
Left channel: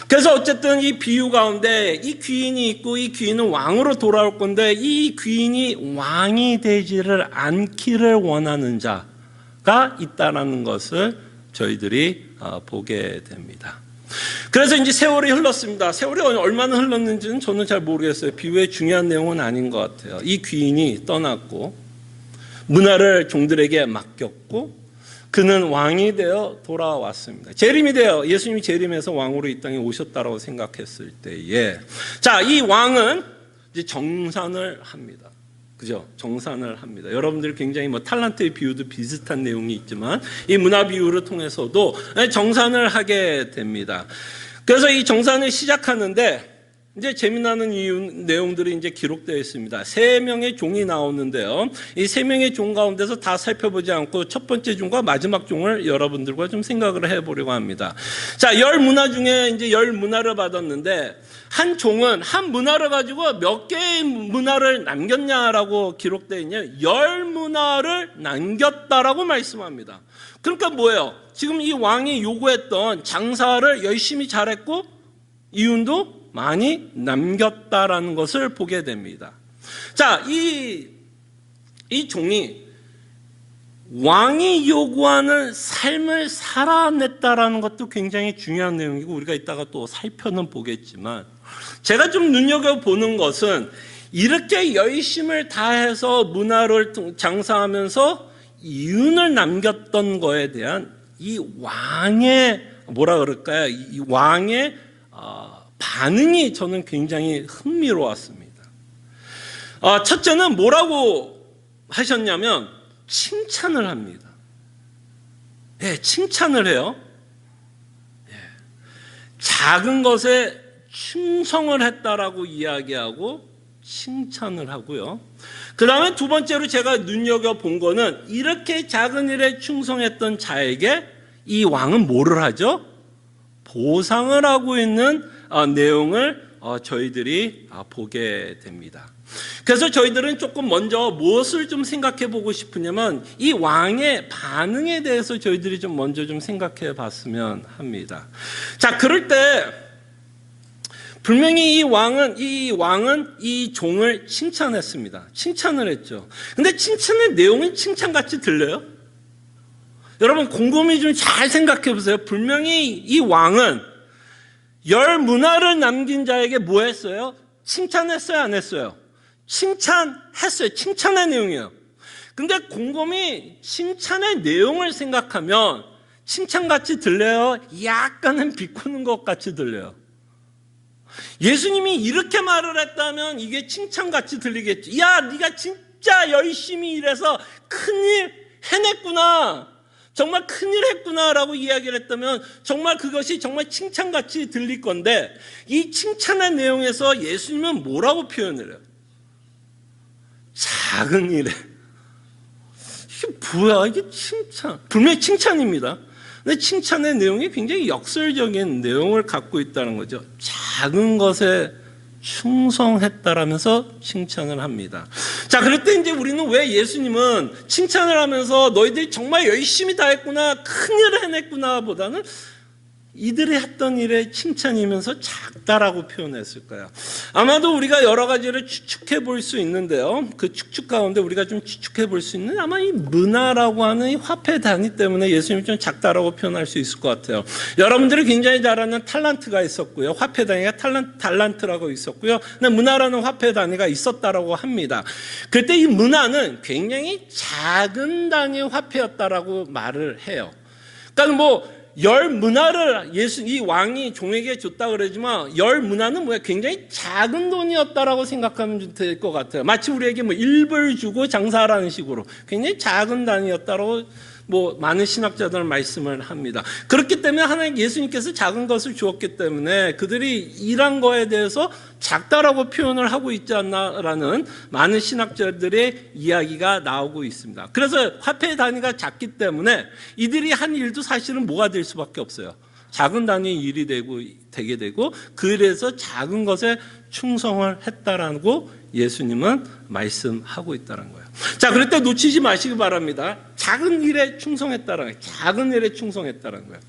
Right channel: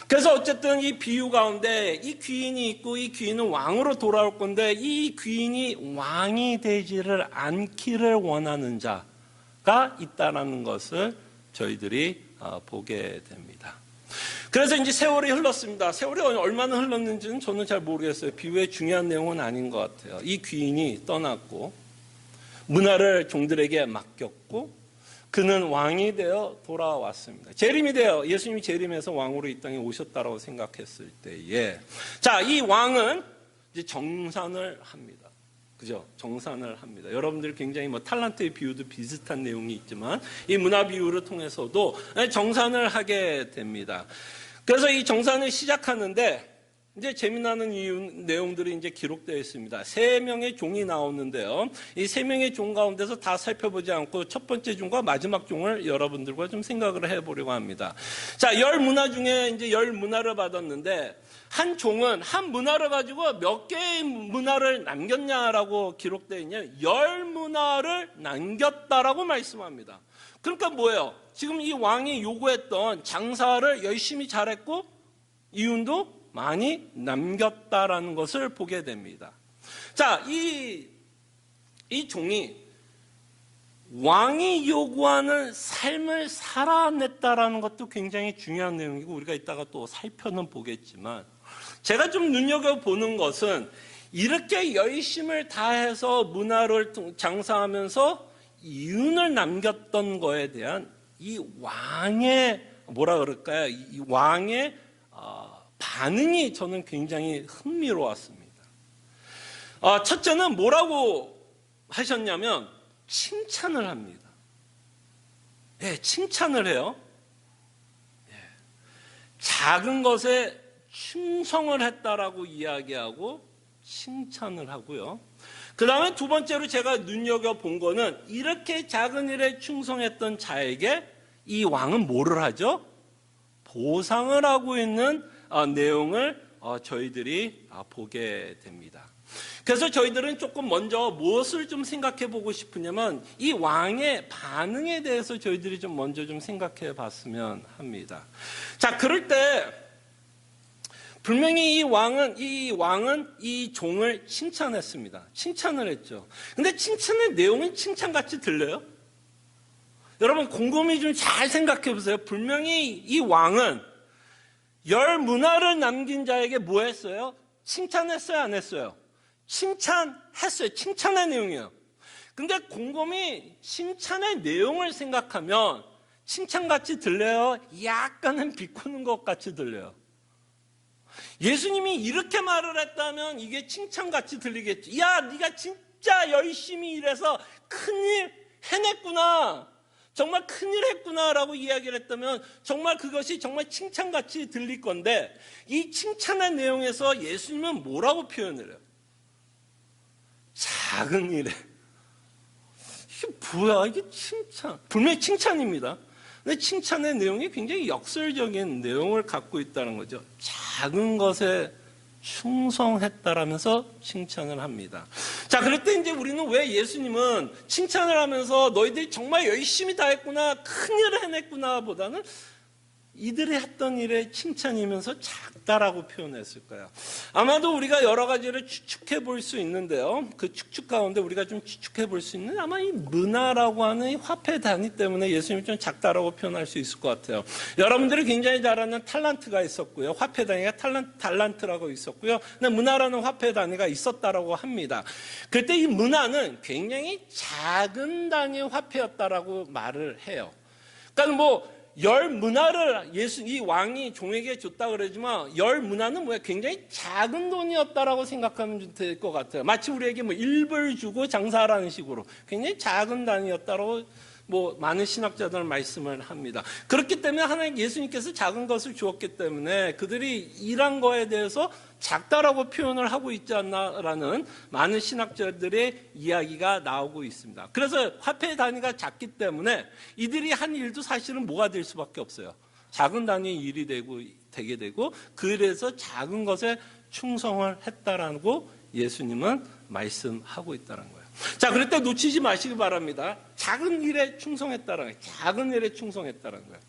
그래서 어쨌든 이 비유 가운데 이 귀인이 있고, 이 귀인은 왕으로 돌아올 건데, 이 귀인이 왕이 되지를 않기를 원하는 자가 있다라는 것을 저희들이 보게 됩니다. 그래서 이제 세월이 흘렀습니다. 세월이 얼마나 흘렀는지는 저는 잘 모르겠어요. 비유의 중요한 내용은 아닌 것 같아요. 이 귀인이 떠났고 문화를 종들에게 맡겼고 그는 왕이 되어 돌아왔습니다. 재림이 되어 예수님이 재림해서 왕으로 이 땅에 오셨다고 생각했을 때에, 자, 이 왕은 이제 정산을 합니다. 그죠? 정산을 합니다. 여러분들 굉장히 탈란트의 비유도 비슷한 내용이 있지만 이 문화 비유를 통해서도 정산을 하게 됩니다. 그래서 이 정산을 시작하는데 이제 재미나는 내용들이 이제 기록되어 있습니다. 3명의 종이 나오는데요. 이 3명의 종 가운데서 다 살펴보지 않고 첫 번째 종과 마지막 종을 여러분들과 좀 생각을 해보려고 합니다. 자, 10문화 중에 이제 10문화를 받았는데, 한 종은 한 문화를 가지고 몇 개의 문화를 남겼냐라고 기록되어 있냐? 10문화를 남겼다라고 말씀합니다. 그러니까 뭐예요? 지금 이 왕이 요구했던 장사를 열심히 잘했고 이윤도 많이 남겼다라는 것을 보게 됩니다. 자, 이 종이 왕이 요구하는 삶을 살아냈다라는 것도 굉장히 중요한 내용이고, 우리가 이따가 또 살펴는 보겠지만, 제가 좀 눈여겨보는 것은 이렇게 열심을 다해서 문화를 장사하면서 이윤을 남겼던 거에 대한 이 왕의 뭐라 그럴까요? 이 왕의 반응이 저는 굉장히 흥미로웠습니다. 첫째는 뭐라고 하셨냐면 칭찬을 합니다. 네, 칭찬을 해요. 네. 작은 것에 충성을 했다라고 이야기하고 칭찬을 하고요. 그 다음에 두 번째로 제가 눈여겨본 거는 이렇게 작은 일에 충성했던 자에게 이 왕은 뭐를 하죠? 보상을 하고 있는 내용을 저희들이 보게 됩니다. 그래서 저희들은 조금 먼저 무엇을 좀 생각해 보고 싶으냐면 이 왕의 반응에 대해서 저희들이 좀 먼저 좀 생각해 봤으면 합니다. 자, 그럴 때 분명히 이 왕은 이 종을 칭찬했습니다. 칭찬을 했죠. 근데 칭찬의 내용은 칭찬같이 들려요? 여러분 곰곰이 좀 잘 생각해 보세요. 분명히 이 왕은 10문화를 남긴 자에게 뭐 했어요? 칭찬했어요, 안 했어요? 칭찬했어요. 칭찬의 내용이에요. 근데 곰곰이 칭찬의 내용을 생각하면 칭찬같이 들려요? 약간은 비꼬는 것 같이 들려요. 예수님이 이렇게 말을 했다면 이게 칭찬같이 들리겠지. 야, 네가 진짜 열심히 일해서 큰일 해냈구나, 정말 큰일 했구나 라고 이야기를 했다면 정말 그것이 정말 칭찬같이 들릴 건데, 이 칭찬의 내용에서 예수님은 뭐라고 표현을 해요? 작은 일에. 이게 뭐야, 이게 칭찬. 분명히 칭찬입니다. 근데 칭찬의 내용이 굉장히 역설적인 내용을 갖고 있다는 거죠. 작은 것에 충성했다라면서 칭찬을 합니다. 자, 그럴 때 이제 우리는 왜 예수님은 칭찬을 하면서 너희들이 정말 열심히 다 했구나, 큰일을 해냈구나 보다는 이들이 했던 일의 칭찬이면서 작다라고 표현했을까요? 아마도 우리가 여러 가지를 추측해 볼 수 있는데요. 그 추측 가운데 우리가 좀 추측해 볼 수 있는, 아마 이 문화라고 하는 이 화폐 단위 때문에 예수님이 좀 작다라고 표현할 수 있을 것 같아요. 여러분들이 굉장히 잘 아는 탈란트가 있었고요. 화폐 단위가 달란트라고 있었고요. 근데 문화라는 화폐 단위가 있었다라고 합니다. 그때 이 문화는 굉장히 작은 단위의 화폐였다라고 말을 해요. 그러니까 뭐 열 문화를 이 왕이 종에게 줬다 그러지만 열 문화는 뭐야? 굉장히 작은 돈이었다라고 생각하면 될 것 같아요. 마치 우리에게 뭐 1불 주고 장사하라는 식으로 굉장히 작은 단위였다라고 뭐 많은 신학자들은 말씀을 합니다. 그렇기 때문에 하나님 예수님께서 작은 것을 주었기 때문에 그들이 일한 거에 대해서 작다라고 표현을 하고 있지 않나라는 많은 신학자들의 이야기가 나오고 있습니다. 그래서 화폐 단위가 작기 때문에 이들이 한 일도 사실은 뭐가 될 수밖에 없어요. 작은 단위의 일이 되게 되고, 그래서 작은 것에 충성을 했다라고 예수님은 말씀하고 있다는 거예요. 자, 그럴 때 놓치지 마시기 바랍니다. 작은 일에 충성했다는 거예요. 작은 일에 충성했다는 거예요.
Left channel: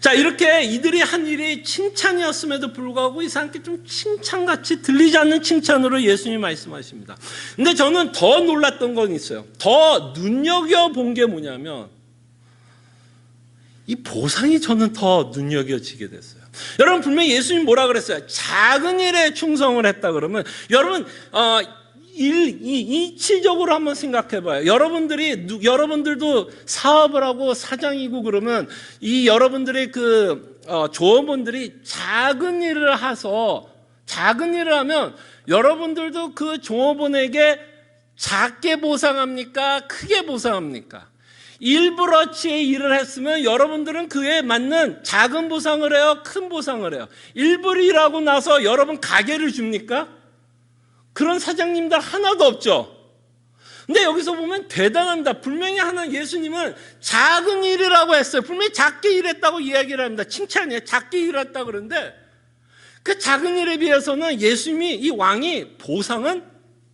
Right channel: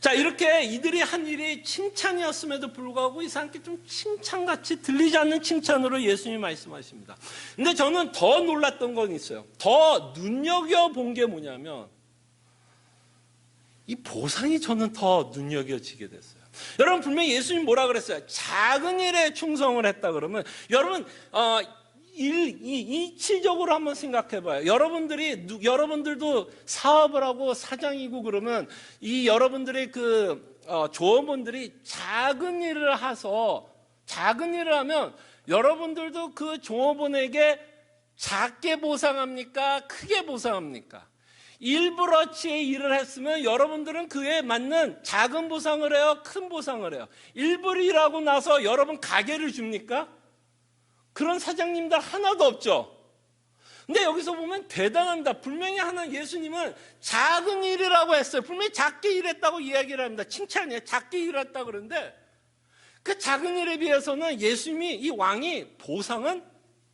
자, 이렇게 이들이 한 일이 칭찬이었음에도 불구하고 이 사람께 좀 칭찬같이 들리지 않는 칭찬으로 예수님이 말씀하십니다. 근데 저는 더 놀랐던 건 있어요. 더 눈여겨본 게 뭐냐면 이 보상이 저는 더 눈여겨지게 됐어요. 여러분, 분명히 예수님 뭐라 그랬어요? 작은 일에 충성을 했다 그러면, 여러분 이치적으로 한번 생각해봐요. 여러분들도 사업을 하고 사장이고 그러면 이 여러분들의 조업원들이 작은 일을 하면 여러분들도 그 조업원에게 작게 보상합니까? 크게 보상합니까? 일부러치의 일을 했으면 여러분들은 그에 맞는 작은 보상을 해요? 큰 보상을 해요? 일부러 일하고 나서 여러분 가게를 줍니까? 그런 사장님들 하나도 없죠. 근데 여기서 보면 대단합니다. 분명히 예수님은 작은 일이라고 했어요. 분명히 작게 일했다고 이야기를 합니다. 칭찬이에요. 작게 일했다고 그러는데 그 작은 일에 비해서는 예수님이, 이 왕이 보상은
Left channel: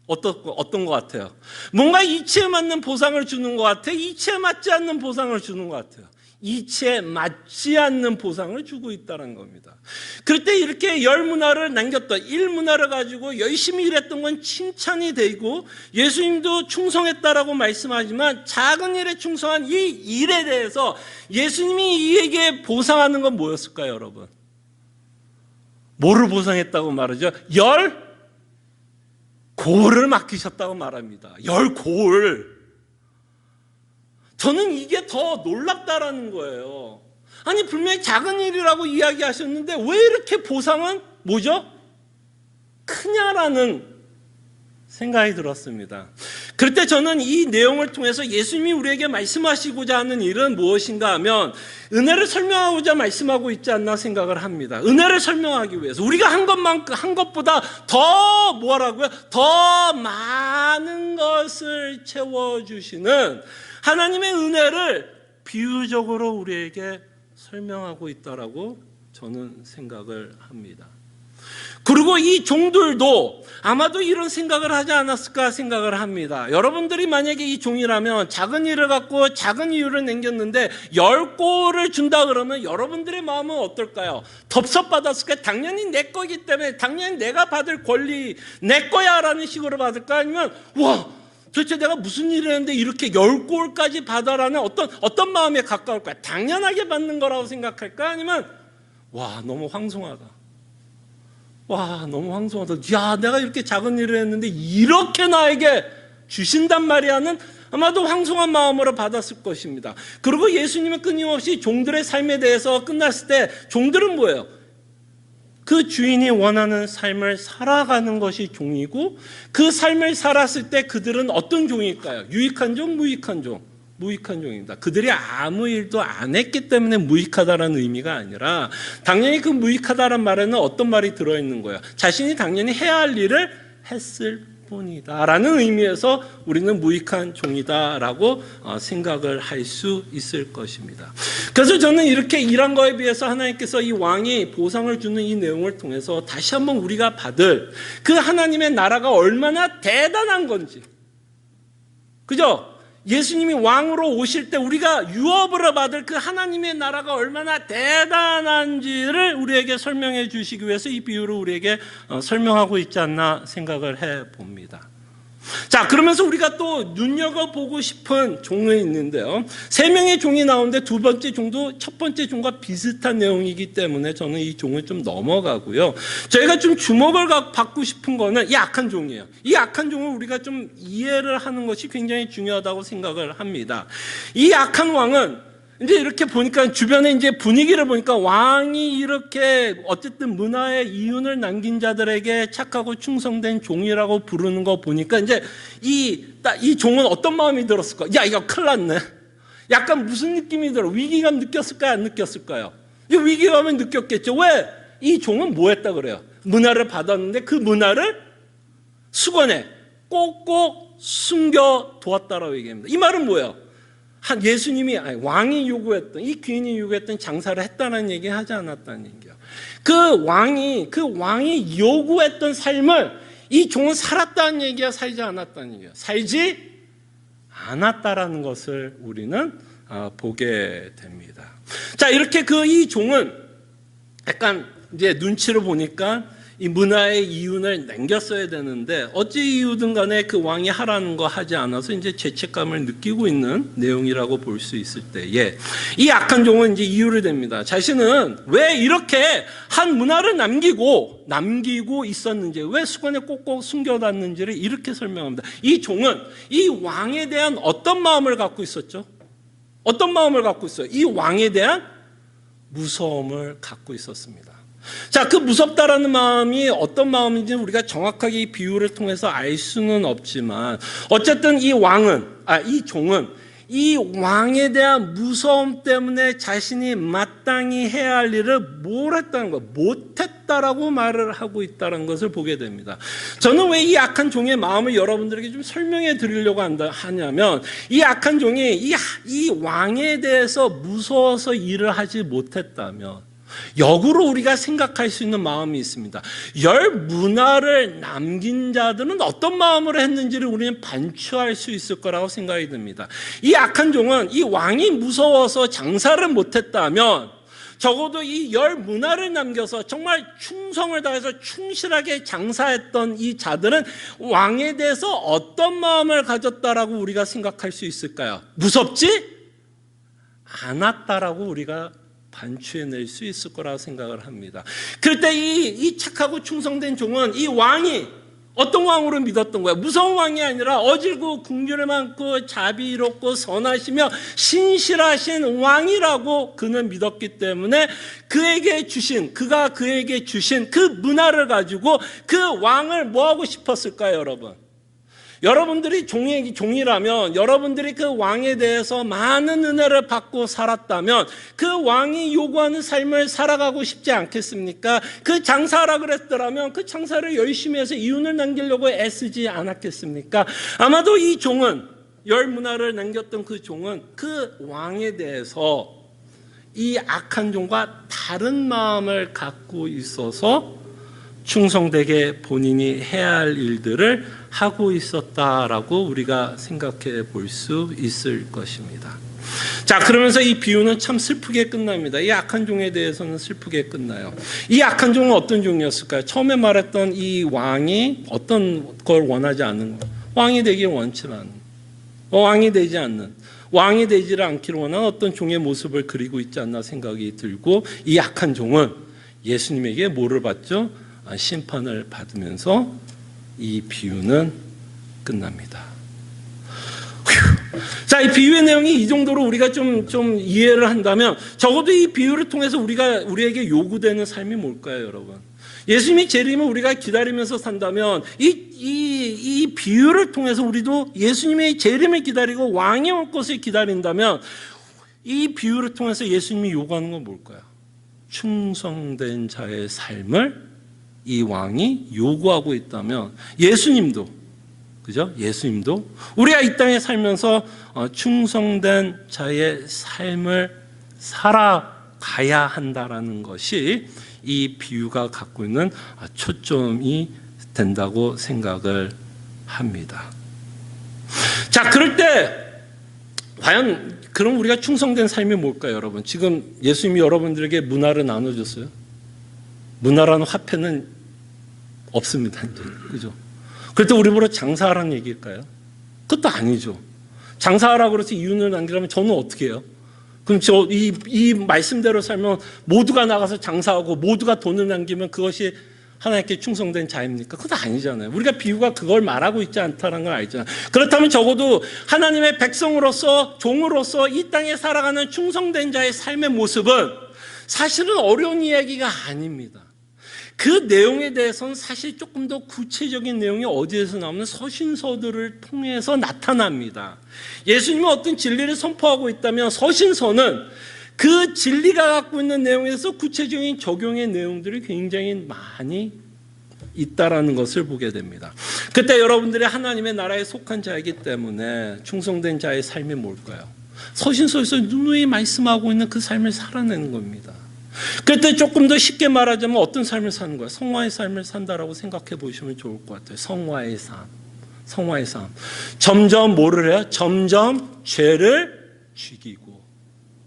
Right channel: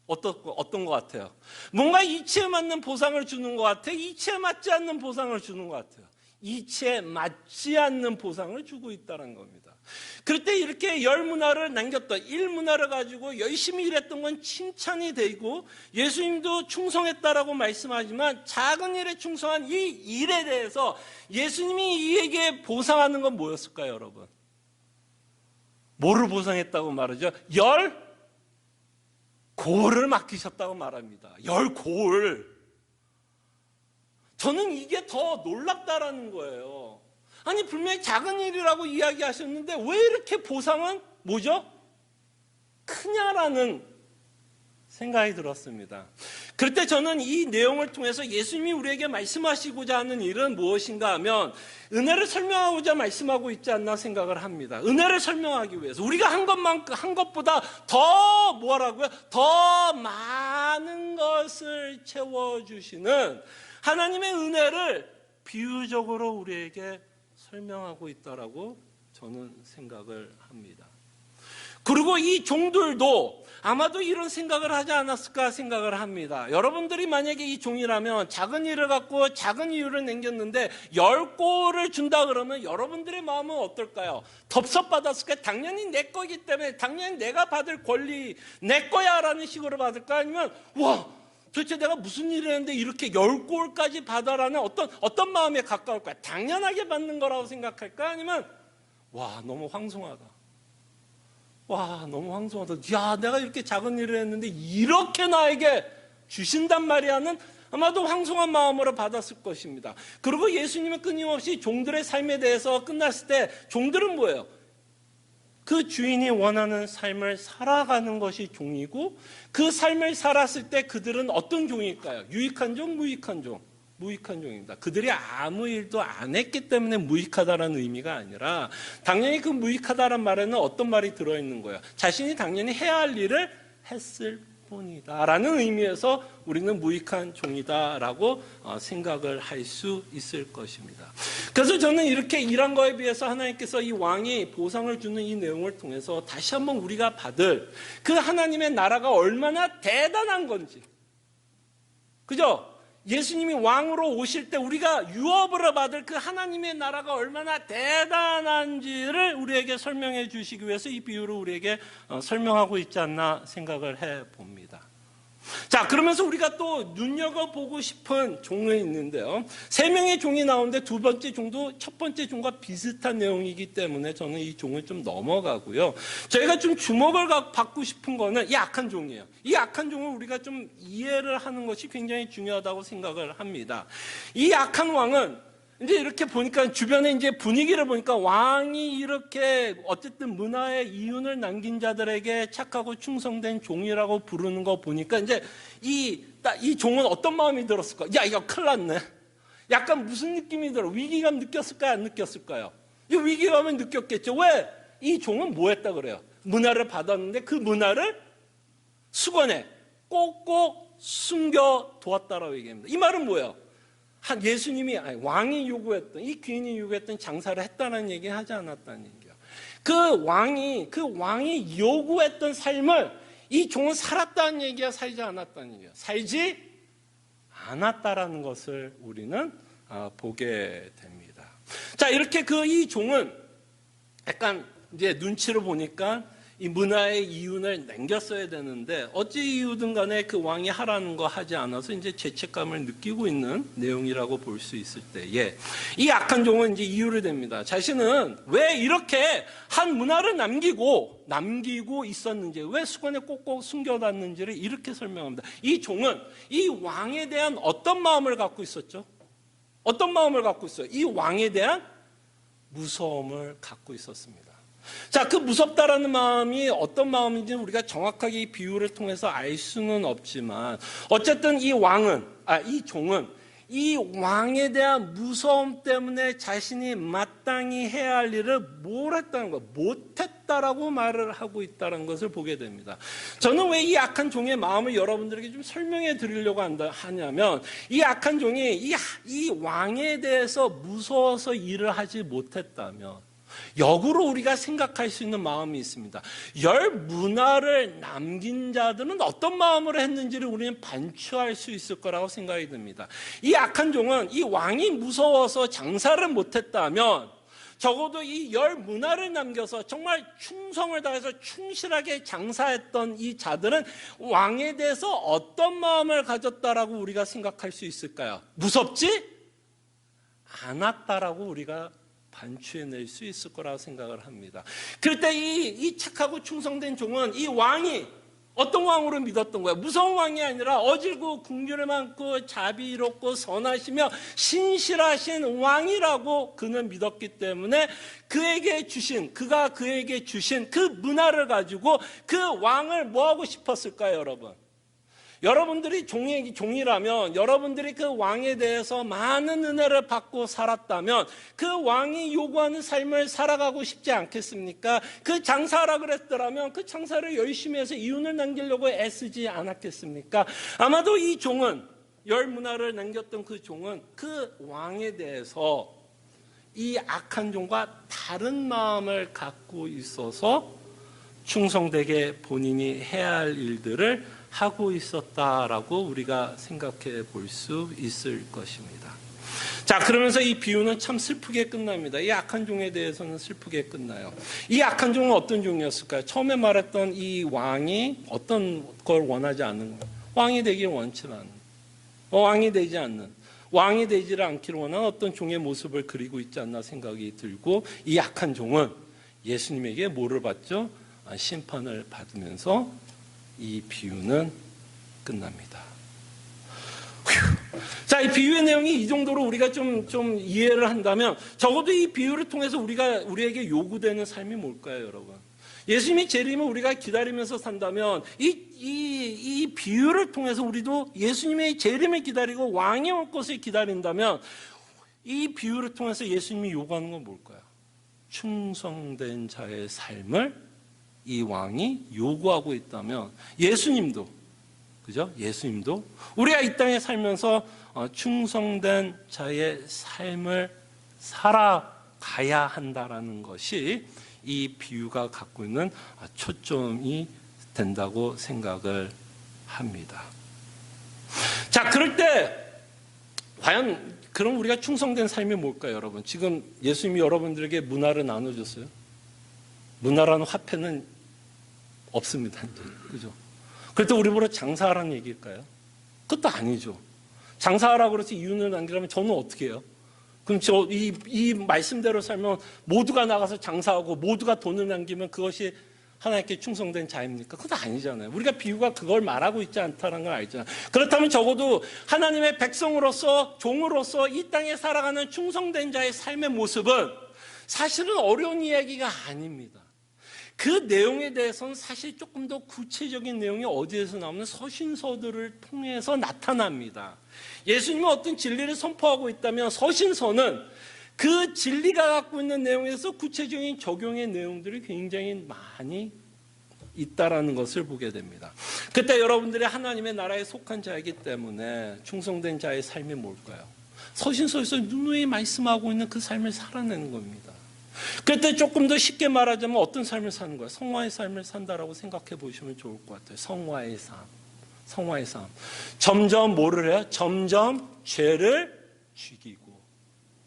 어떤 것 같아요? 뭔가 이치에 맞는 보상을 주는 것 같아요? 이치에 맞지 않는 보상을 주는 것 같아요? 이치에 맞지 않는 보상을 주고 있다는 겁니다. 그럴 때 이렇게 열 문화를 남겼던 일 문화를 가지고 열심히 일했던 건 칭찬이 되고, 예수님도 충성했다라고 말씀하지만 작은 일에 충성한 이 일에 대해서 예수님이 이에게 보상하는 건 뭐였을까요, 여러분? 뭐를 보상했다고 말하죠? 열 고을을 맡기셨다고 말합니다. 열 고을. 저는 이게 더 놀랍다라는 거예요. 아니, 분명히 작은 일이라고 이야기하셨는데 왜 이렇게 보상은 뭐죠? 크냐라는 생각이 들었습니다. 그럴 때 저는 이 내용을 통해서 예수님이 우리에게 말씀하시고자 하는 일은 무엇인가 하면 은혜를 설명하고자 말씀하고 있지 않나 생각을 합니다. 은혜를 설명하기 위해서 우리가 한 것보다 더 뭐라고요? 더 많은 것을 채워주시는 하나님의 은혜를 비유적으로 우리에게 설명하고 있다라고 저는 생각을 합니다. 그리고 이 종들도 아마도 이런 생각을 하지 않았을까 생각을 합니다. 여러분들이 만약에 이 종이라면 작은 일을 갖고 작은 이유를 남겼는데 10골을 준다 그러면 여러분들의 마음은 어떨까요? 덥석받았을까요? 당연히 내 거기 때문에, 당연히 내가 받을 권리 내 거야 라는 식으로 받을까? 아니면 와, 도대체 내가 무슨 일을 했는데 이렇게 10골까지 받아라는 어떤 마음에 가까울까요? 당연하게 받는 거라고 생각할까? 아니면 와, 너무 황송하다. 와, 너무 황송하다. 야, 내가 이렇게 작은 일을 했는데 이렇게 나에게 주신단 말이야는 아마도 황송한 마음으로 받았을 것입니다. 그리고 예수님은 끊임없이 종들의 삶에 대해서 끝났을 때 종들은 뭐예요? 그 주인이 원하는 삶을 살아가는 것이 종이고, 그 삶을 살았을 때 그들은 어떤 종일까요? 유익한 종, 무익한 종? 무익한 종입니다. 그들이 아무 일도 안 했기 때문에 무익하다라는 의미가 아니라, 당연히 그 무익하다라는 말에는 어떤 말이 들어있는 거예요? 자신이 당연히 해야 할 일을 했을 뿐이다 라는 의미에서 우리는 무익한 종이다라고 생각을 할 수 있을 것입니다. 그래서 저는 이렇게 일한 거에 비해서 하나님께서 이 왕이 보상을 주는 이 내용을 통해서 다시 한번 우리가 받을 그 하나님의 나라가 얼마나 대단한 건지, 그죠? 예수님이 왕으로 오실 때 우리가 유업으로 받을 그 하나님의 나라가 얼마나 대단한지를 우리에게 설명해 주시기 위해서 이 비유를 우리에게 설명하고 있지 않나 생각을 해봅니다. 자, 그러면서 우리가 또 눈여겨보고 싶은 종이 있는데요. 3명의 종이 나오는데 두 번째 종도 첫 번째 종과 비슷한 내용이기 때문에 저는 이 종을 좀 넘어가고요. 저희가 좀 주목을 받고 싶은 거는 이 악한 종이에요. 이 악한 종을 우리가 좀 이해를 하는 것이 굉장히 중요하다고 생각을 합니다. 이 악한 왕은 이제 이렇게 보니까 주변에 이제 분위기를 보니까 왕이 이렇게 어쨌든 문화의 이윤을 남긴 자들에게 착하고 충성된 종이라고 부르는 거 보니까 이제 이 종은 어떤 마음이 들었을까? 야, 이거 큰일 났네. 약간 무슨 느낌이 들어? 위기감 느꼈을까요? 안 느꼈을까요? 이 위기감을 느꼈겠죠. 왜? 이 종은 뭐 했다 그래요? 문화를 받았는데 그 문화를 수건에 꼭꼭 숨겨 두었다라고 얘기합니다. 이 말은 뭐예요? 예수님이 왕이 요구했던, 이 귀인이 요구했던 장사를 했다는 얘기 하지 않았다는 얘기예요. 그 왕이 요구했던 삶을 이 종은 살았다는 얘기야, 살지 않았다는 얘기야? 살지 않았다라는 것을 우리는 보게 됩니다. 자, 이렇게 이 종은 약간 이제 눈치를 보니까 이 문화의 이윤을 남겼어야 되는데 어찌 이유든 간에 그 왕이 하라는 거 하지 않아서 이제 죄책감을 느끼고 있는 내용이라고 볼 수 있을 때에 이 악한 종은 이제 이유를 댑니다. 자신은 왜 이렇게 한 문화를 남기고 있었는지, 왜 수건에 꼭꼭 숨겨놨는지를 이렇게 설명합니다. 이 종은 이 왕에 대한 어떤 마음을 갖고 있었죠? 어떤 마음을 갖고 있어요? 이 왕에 대한 무서움을 갖고 있었습니다. 자, 그 무섭다라는 마음이 어떤 마음인지 우리가 정확하게 이 비유를 통해서 알 수는 없지만 어쨌든 이 종은 이 왕에 대한 무서움 때문에 자신이 마땅히 해야 할 일을 뭘 했다는 거, 못했다라고 말을 하고 있다는 것을 보게 됩니다. 저는 왜 이 악한 종의 마음을 여러분들에게 좀 설명해 드리려고 하냐면 이 악한 종이 이 왕에 대해서 무서워서 일을 하지 못했다면 역으로 우리가 생각할 수 있는 마음이 있습니다. 열 문화를 남긴 자들은 어떤 마음으로 했는지를 우리는 반추할 수 있을 거라고 생각이 듭니다. 이 악한 종은 이 왕이 무서워서 장사를 못했다면 적어도 이 열 문화를 남겨서 정말 충성을 다해서 충실하게 장사했던 이 자들은 왕에 대해서 어떤 마음을 가졌다라고 우리가 생각할 수 있을까요? 무섭지 않았다라고 우리가 반추해낼 수 있을 거라고 생각을 합니다. 그럴 때 이 착하고 충성된 종은 이 왕이 어떤 왕으로 믿었던 거야? 무서운 왕이 아니라 어질고 궁휼을 많고 자비롭고 선하시며 신실하신 왕이라고 그는 믿었기 때문에 그가 그에게 주신 그 문화를 가지고 그 왕을 뭐하고 싶었을까요, 여러분? 여러분들이 종이라면 여러분들이 그 왕에 대해서 많은 은혜를 받고 살았다면 그 왕이 요구하는 삶을 살아가고 싶지 않겠습니까? 그 장사하라 그랬더라면 그 장사를 열심히 해서 이윤을 남기려고 애쓰지 않았겠습니까? 아마도 이 종은 열 문화를 남겼던 그 종은 그 왕에 대해서 이 악한 종과 다른 마음을 갖고 있어서 충성되게 본인이 해야 할 일들을 하고 있었다라고 우리가 생각해 볼 수 있을 것입니다. 자, 그러면서 이 비유는 참 슬프게 끝납니다. 이 악한 종에 대해서는 슬프게 끝나요. 이 악한 종은 어떤 종이었을까요? 처음에 말했던 이 왕이 어떤 걸 원하지 않는, 왕이 되길 원치 않는, 왕이 되지 않는, 왕이 되지를 않기를 원하는 어떤 종의 모습을 그리고 있지 않나 생각이 들고, 이 악한 종은 예수님에게 뭐를 받죠? 심판을 받으면서 이 비유는 끝납니다. 자, 이 비유의 내용이 이 정도로 우리가 좀 이해를 한다면 적어도 이 비유를 통해서 우리에게 요구되는 삶이 뭘까요, 여러분? 예수님이 재림을 우리가 기다리면서 산다면 이 비유를 통해서 우리도 예수님의 재림을 기다리고 왕이 올 것을 기다린다면 이 비유를 통해서 예수님이 요구하는 건 뭘까요? 충성된 자의 삶을 이 왕이 요구하고 있다면 예수님도, 그죠? 예수님도 우리가 이 땅에 살면서 충성된 자의 삶을 살아가야 한다라는 것이 이 비유가 갖고 있는 초점이 된다고 생각을 합니다. 자, 그럴 때 과연 그럼 우리가 충성된 삶이 뭘까요, 여러분? 지금 예수님이 여러분들에게 문화를 나눠줬어요. 문화라는 화폐는 없습니다, 이제. 그죠? 그럴 때 우리 보러 장사하라는 얘기일까요? 그것도 아니죠. 장사하라고 그래서 이윤을 남기려면 저는 어떻게 해요? 그럼 이 말씀대로 살면 모두가 나가서 장사하고 모두가 돈을 남기면 그것이 하나님께 충성된 자입니까? 그건 아니잖아요. 우리가 비유가 그걸 말하고 있지 않다는 걸 알잖아요. 그렇다면 적어도 하나님의 백성으로서 종으로서 이 땅에 살아가는 충성된 자의 삶의 모습은 사실은 어려운 이야기가 아닙니다. 그 내용에 대해서는 사실 조금 더 구체적인 내용이 어디에서 나오는 서신서들을 통해서 나타납니다. 예수님은 어떤 진리를 선포하고 있다면 서신서는 그 진리가 갖고 있는 내용에서 구체적인 적용의 내용들이 굉장히 많이 있다라는 것을 보게 됩니다. 그때 여러분들이 하나님의 나라에 속한 자이기 때문에 충성된 자의 삶이 뭘까요? 서신서에서 누누이 말씀하고 있는 그 삶을 살아내는 겁니다. 그때 조금 더 쉽게 말하자면 어떤 삶을 사는 거예요? 성화의 삶을 산다라고 생각해 보시면 좋을 것 같아요. 성화의 삶. 성화의 삶. 점점 뭐를 해요? 점점 죄를 죽이고.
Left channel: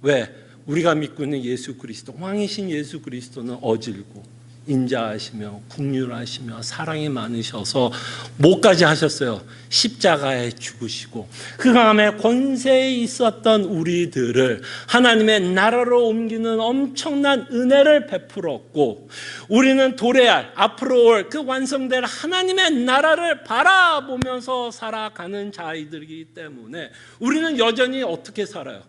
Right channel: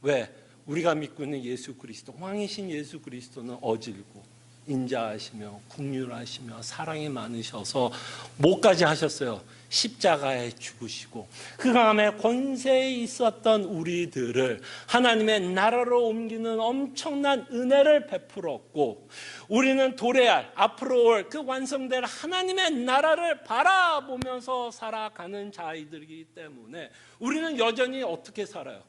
왜? 우리가 믿고 있는 예수 그리스도, 왕이신 예수 그리스도는 어질고 인자하시며 긍휼하시며 사랑이 많으셔서 뭐까지 하셨어요? 십자가에 죽으시고 그 다음에 권세에 있었던 우리들을 하나님의 나라로 옮기는 엄청난 은혜를 베풀었고 우리는 도래할 앞으로 올 그 완성될 하나님의 나라를 바라보면서 살아가는 자이들이기 때문에 우리는 여전히 어떻게 살아요?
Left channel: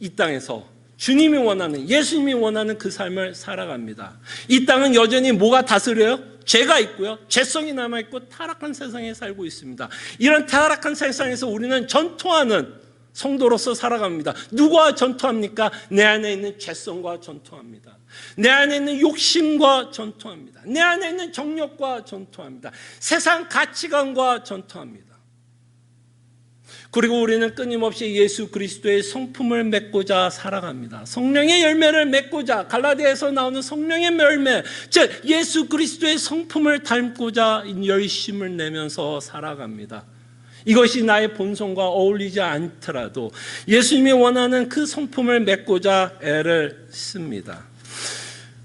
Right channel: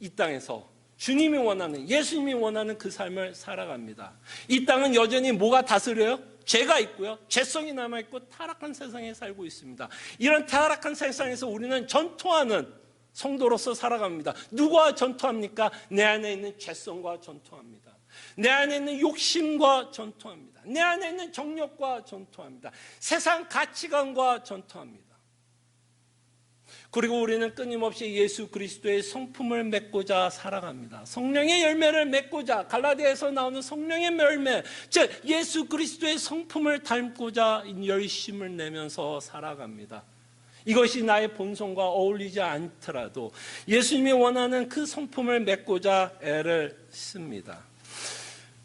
이 땅에서 주님이 원하는, 예수님이 원하는 그 삶을 살아갑니다. 이 땅은 여전히 뭐가 다스려요? 죄가 있고요. 죄성이 남아있고 타락한 세상에 살고 있습니다. 이런 타락한 세상에서 우리는 전투하는 성도로서 살아갑니다. 누구와 전투합니까? 내 안에 있는 죄성과 전투합니다. 내 안에 있는 욕심과 전투합니다. 내 안에 있는 정욕과 전투합니다. 세상 가치관과 전투합니다. 그리고 우리는 끊임없이 예수 그리스도의 성품을 맺고자 살아갑니다. 성령의 열매를 맺고자, 갈라디아에서 나오는 성령의 열매, 즉 예수 그리스도의 성품을 닮고자 열심을 내면서 살아갑니다. 이것이 나의 본성과 어울리지 않더라도 예수님이 원하는 그 성품을 맺고자 애를 씁니다.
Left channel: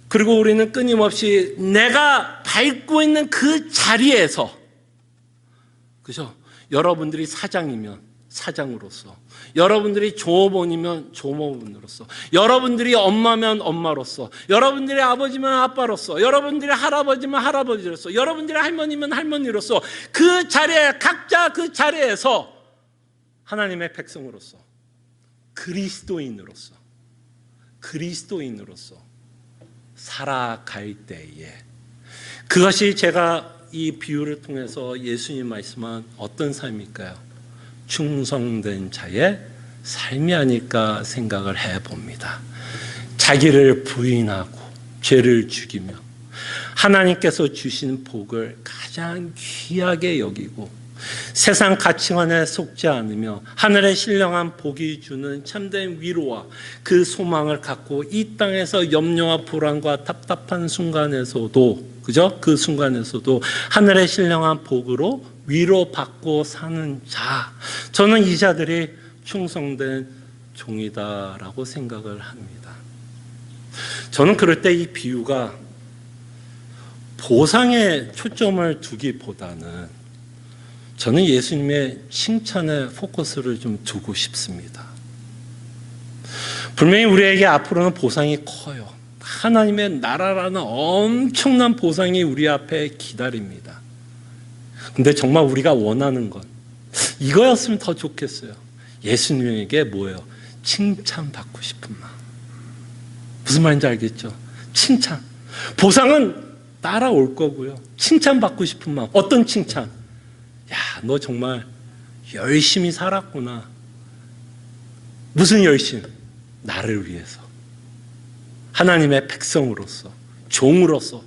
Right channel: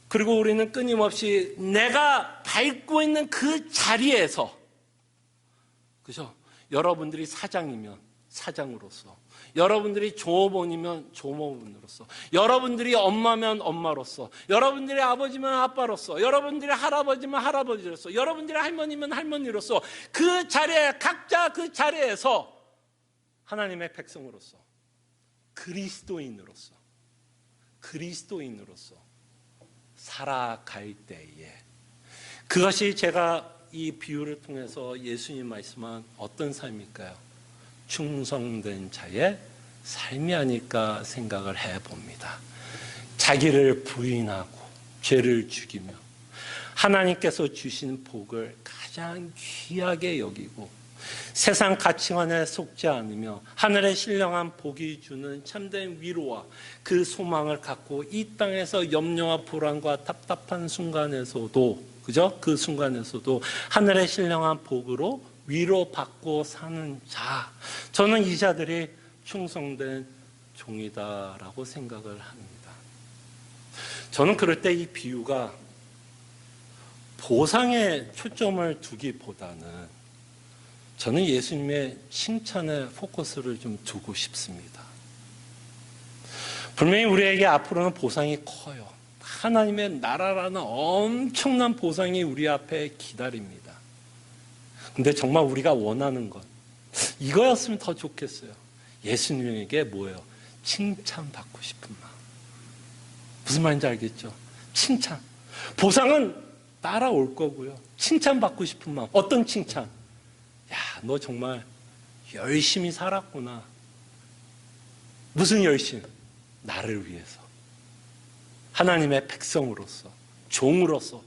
그리고 우리는 끊임없이 내가 밟고 있는 그 자리에서, 그죠? 여러분들이 사장이면 사장으로서, 여러분들이 조업원이면 조업원으로서, 여러분들이 엄마면 엄마로서, 여러분들이 아버지면 아빠로서, 여러분들이 할아버지면 할아버지로서, 여러분들이 할머니면 할머니로서 그 자리에 각자 그 자리에서 하나님의 백성으로서 그리스도인으로서 살아갈 때에 그것이 제가 이 비유를 통해서 예수님 말씀한 어떤 삶일까요? 충성된 자의 삶이 아닐까 생각을 해봅니다. 자기를 부인하고 죄를 죽이며 하나님께서 주신 복을 가장 귀하게 여기고 세상 가치관에 속지 않으며 하늘의 신령한 복이 주는 참된 위로와 그 소망을 갖고 이 땅에서 염려와 불안과 답답한 순간에서도, 그죠? 그 순간에서도 하늘의 신령한 복으로 위로받고 사는 자, 저는 이 자들이 충성된 종이다라고 생각을 합니다. 저는 그럴 때 이 비유가 보상에 초점을 두기보다는 저는 예수님의 칭찬에 포커스를 좀 두고 싶습니다. 분명히 우리에게 앞으로는 보상이 커요. 하나님의 나라라는 엄청난 보상이 우리 앞에 기다립니다. 근데 정말 우리가 원하는 건 이거였으면 더 좋겠어요. 예수님에게 뭐예요? 칭찬받고 싶은 마음. 무슨 말인지 알겠죠? 칭찬. 보상은 따라올 거고요. 칭찬받고 싶은 마음. 어떤 칭찬? 야, 너 정말 열심히 살았구나. 무슨 열심? 나를 위해서. 하나님의 백성으로서, 종으로서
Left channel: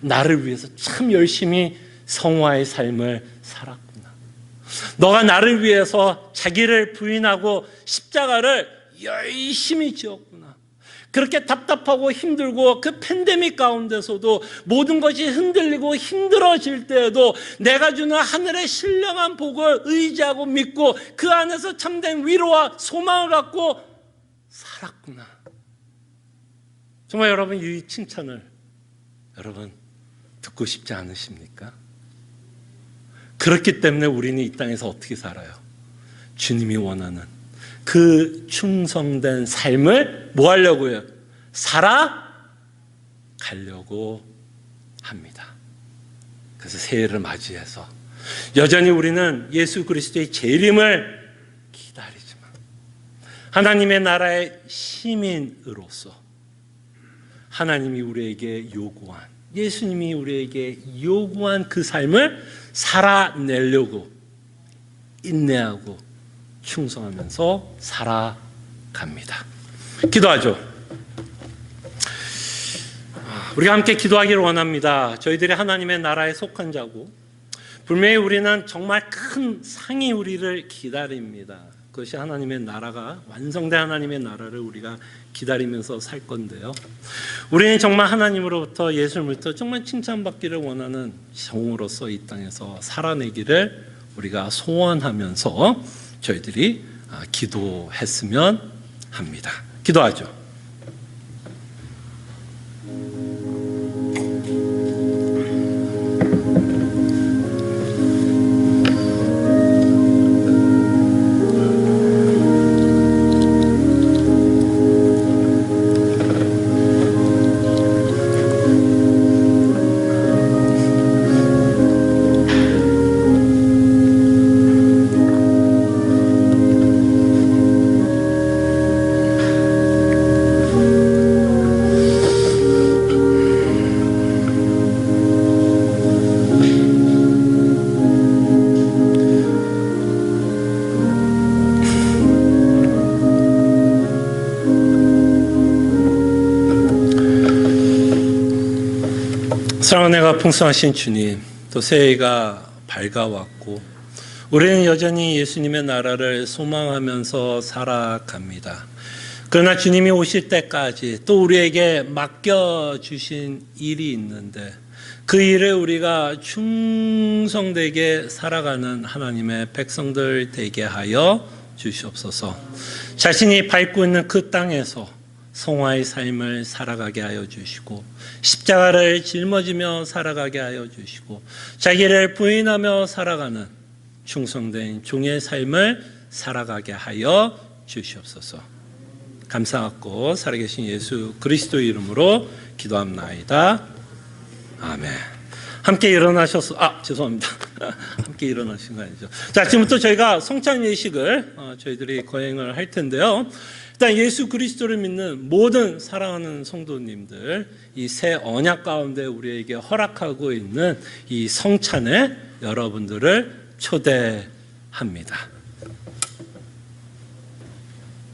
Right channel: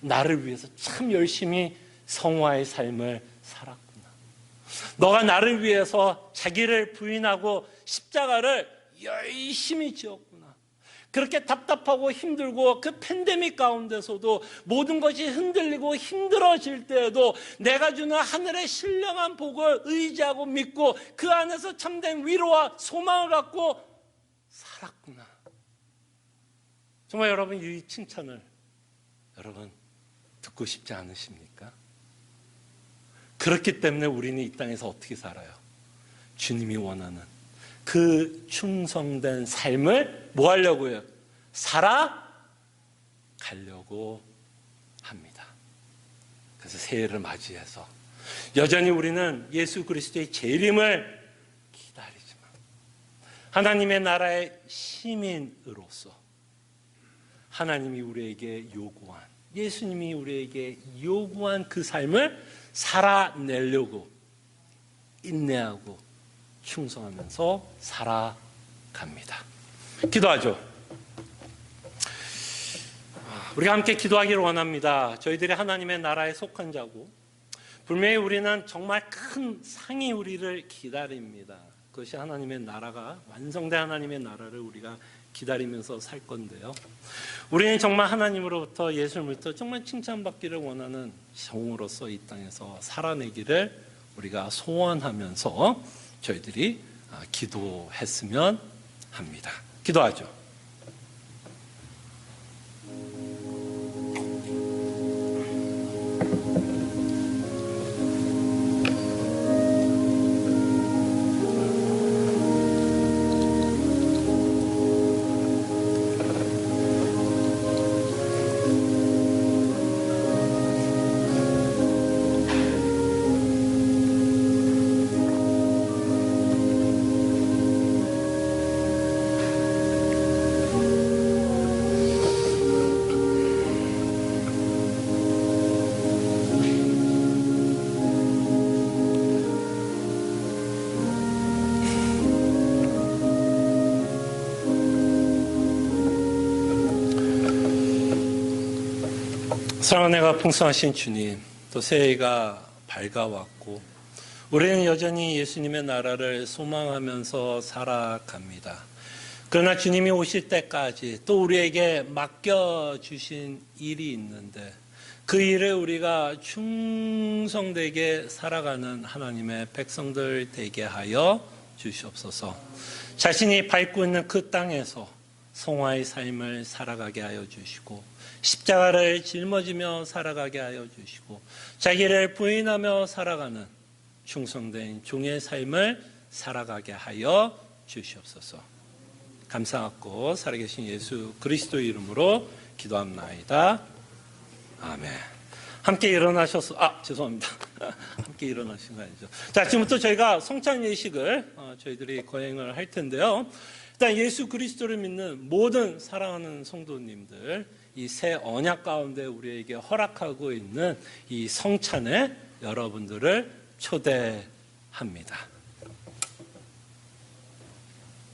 나를 위해서 참 열심히 성화의 삶을 살았구나. 너가 나를 위해서 자기를 부인하고 십자가를 열심히 지었구나. 그렇게 답답하고 힘들고 그 팬데믹 가운데서도 모든 것이 흔들리고 힘들어질 때에도 내가 주는 하늘의 신령한 복을 의지하고 믿고 그 안에서 참된 위로와 소망을 갖고 살았구나. 정말 여러분, 이 칭찬을 여러분 듣고 싶지 않으십니까? 그렇기 때문에 우리는 이 땅에서 어떻게 살아요? 주님이 원하는 그 충성된 삶을 뭐 하려고요? 살아가려고 합니다. 그래서 새해를 맞이해서 여전히 우리는 예수 그리스도의 재림을 기다리지만 하나님의 나라의 시민으로서 하나님이 우리에게 요구한, 예수님이 우리에게 요구한 그 삶을 살아내려고 인내하고 충성하면서 살아갑니다. 기도하죠. 우리가 함께 기도하기를 원합니다. 저희들이 하나님의 나라에 속한 자고 분명히 우리는 정말 큰 상이 우리를 기다립니다. 그것이 하나님의 나라가 완성된 하나님의 나라를 우리가 기다리면서 살 건데요. 우리는 정말 하나님으로부터 예수님으로부터 정말 칭찬받기를 원하는 종으로서 이 땅에서 살아내기를 우리가 소원하면서 저희들이 기도했으면 합니다. 기도하죠. 사랑하는 은혜가 풍성하신 주님, 또 새해가 밝아왔고 우리는 여전히 예수님의 나라를 소망하면서 살아갑니다. 그러나 주님이 오실 때까지 또 우리에게 맡겨주신 일이 있는데 그 일을 우리가 충성되게 살아가는 하나님의 백성들 되게 하여 주시옵소서. 자신이 밟고 있는 그 땅에서 성화의 삶을 살아가게 하여 주시고 십자가를 짊어지며 살아가게 하여 주시고 자기를 부인하며 살아가는 충성된 종의 삶을 살아가게 하여 주시옵소서. 감사하고 살아계신 예수 그리스도 이름으로 기도합나이다. 아멘. 함께 일어나셔서 죄송합니다. 함께 일어나신 거 아니죠. 자, 지금부터 저희가 성찬 예식을 저희들이 거행을 할 텐데요. 일단 예수 그리스도를 믿는 모든 사랑하는 성도님들, 이 새 언약 가운데 우리에게 허락하고 있는 이 성찬에 여러분들을 초대합니다.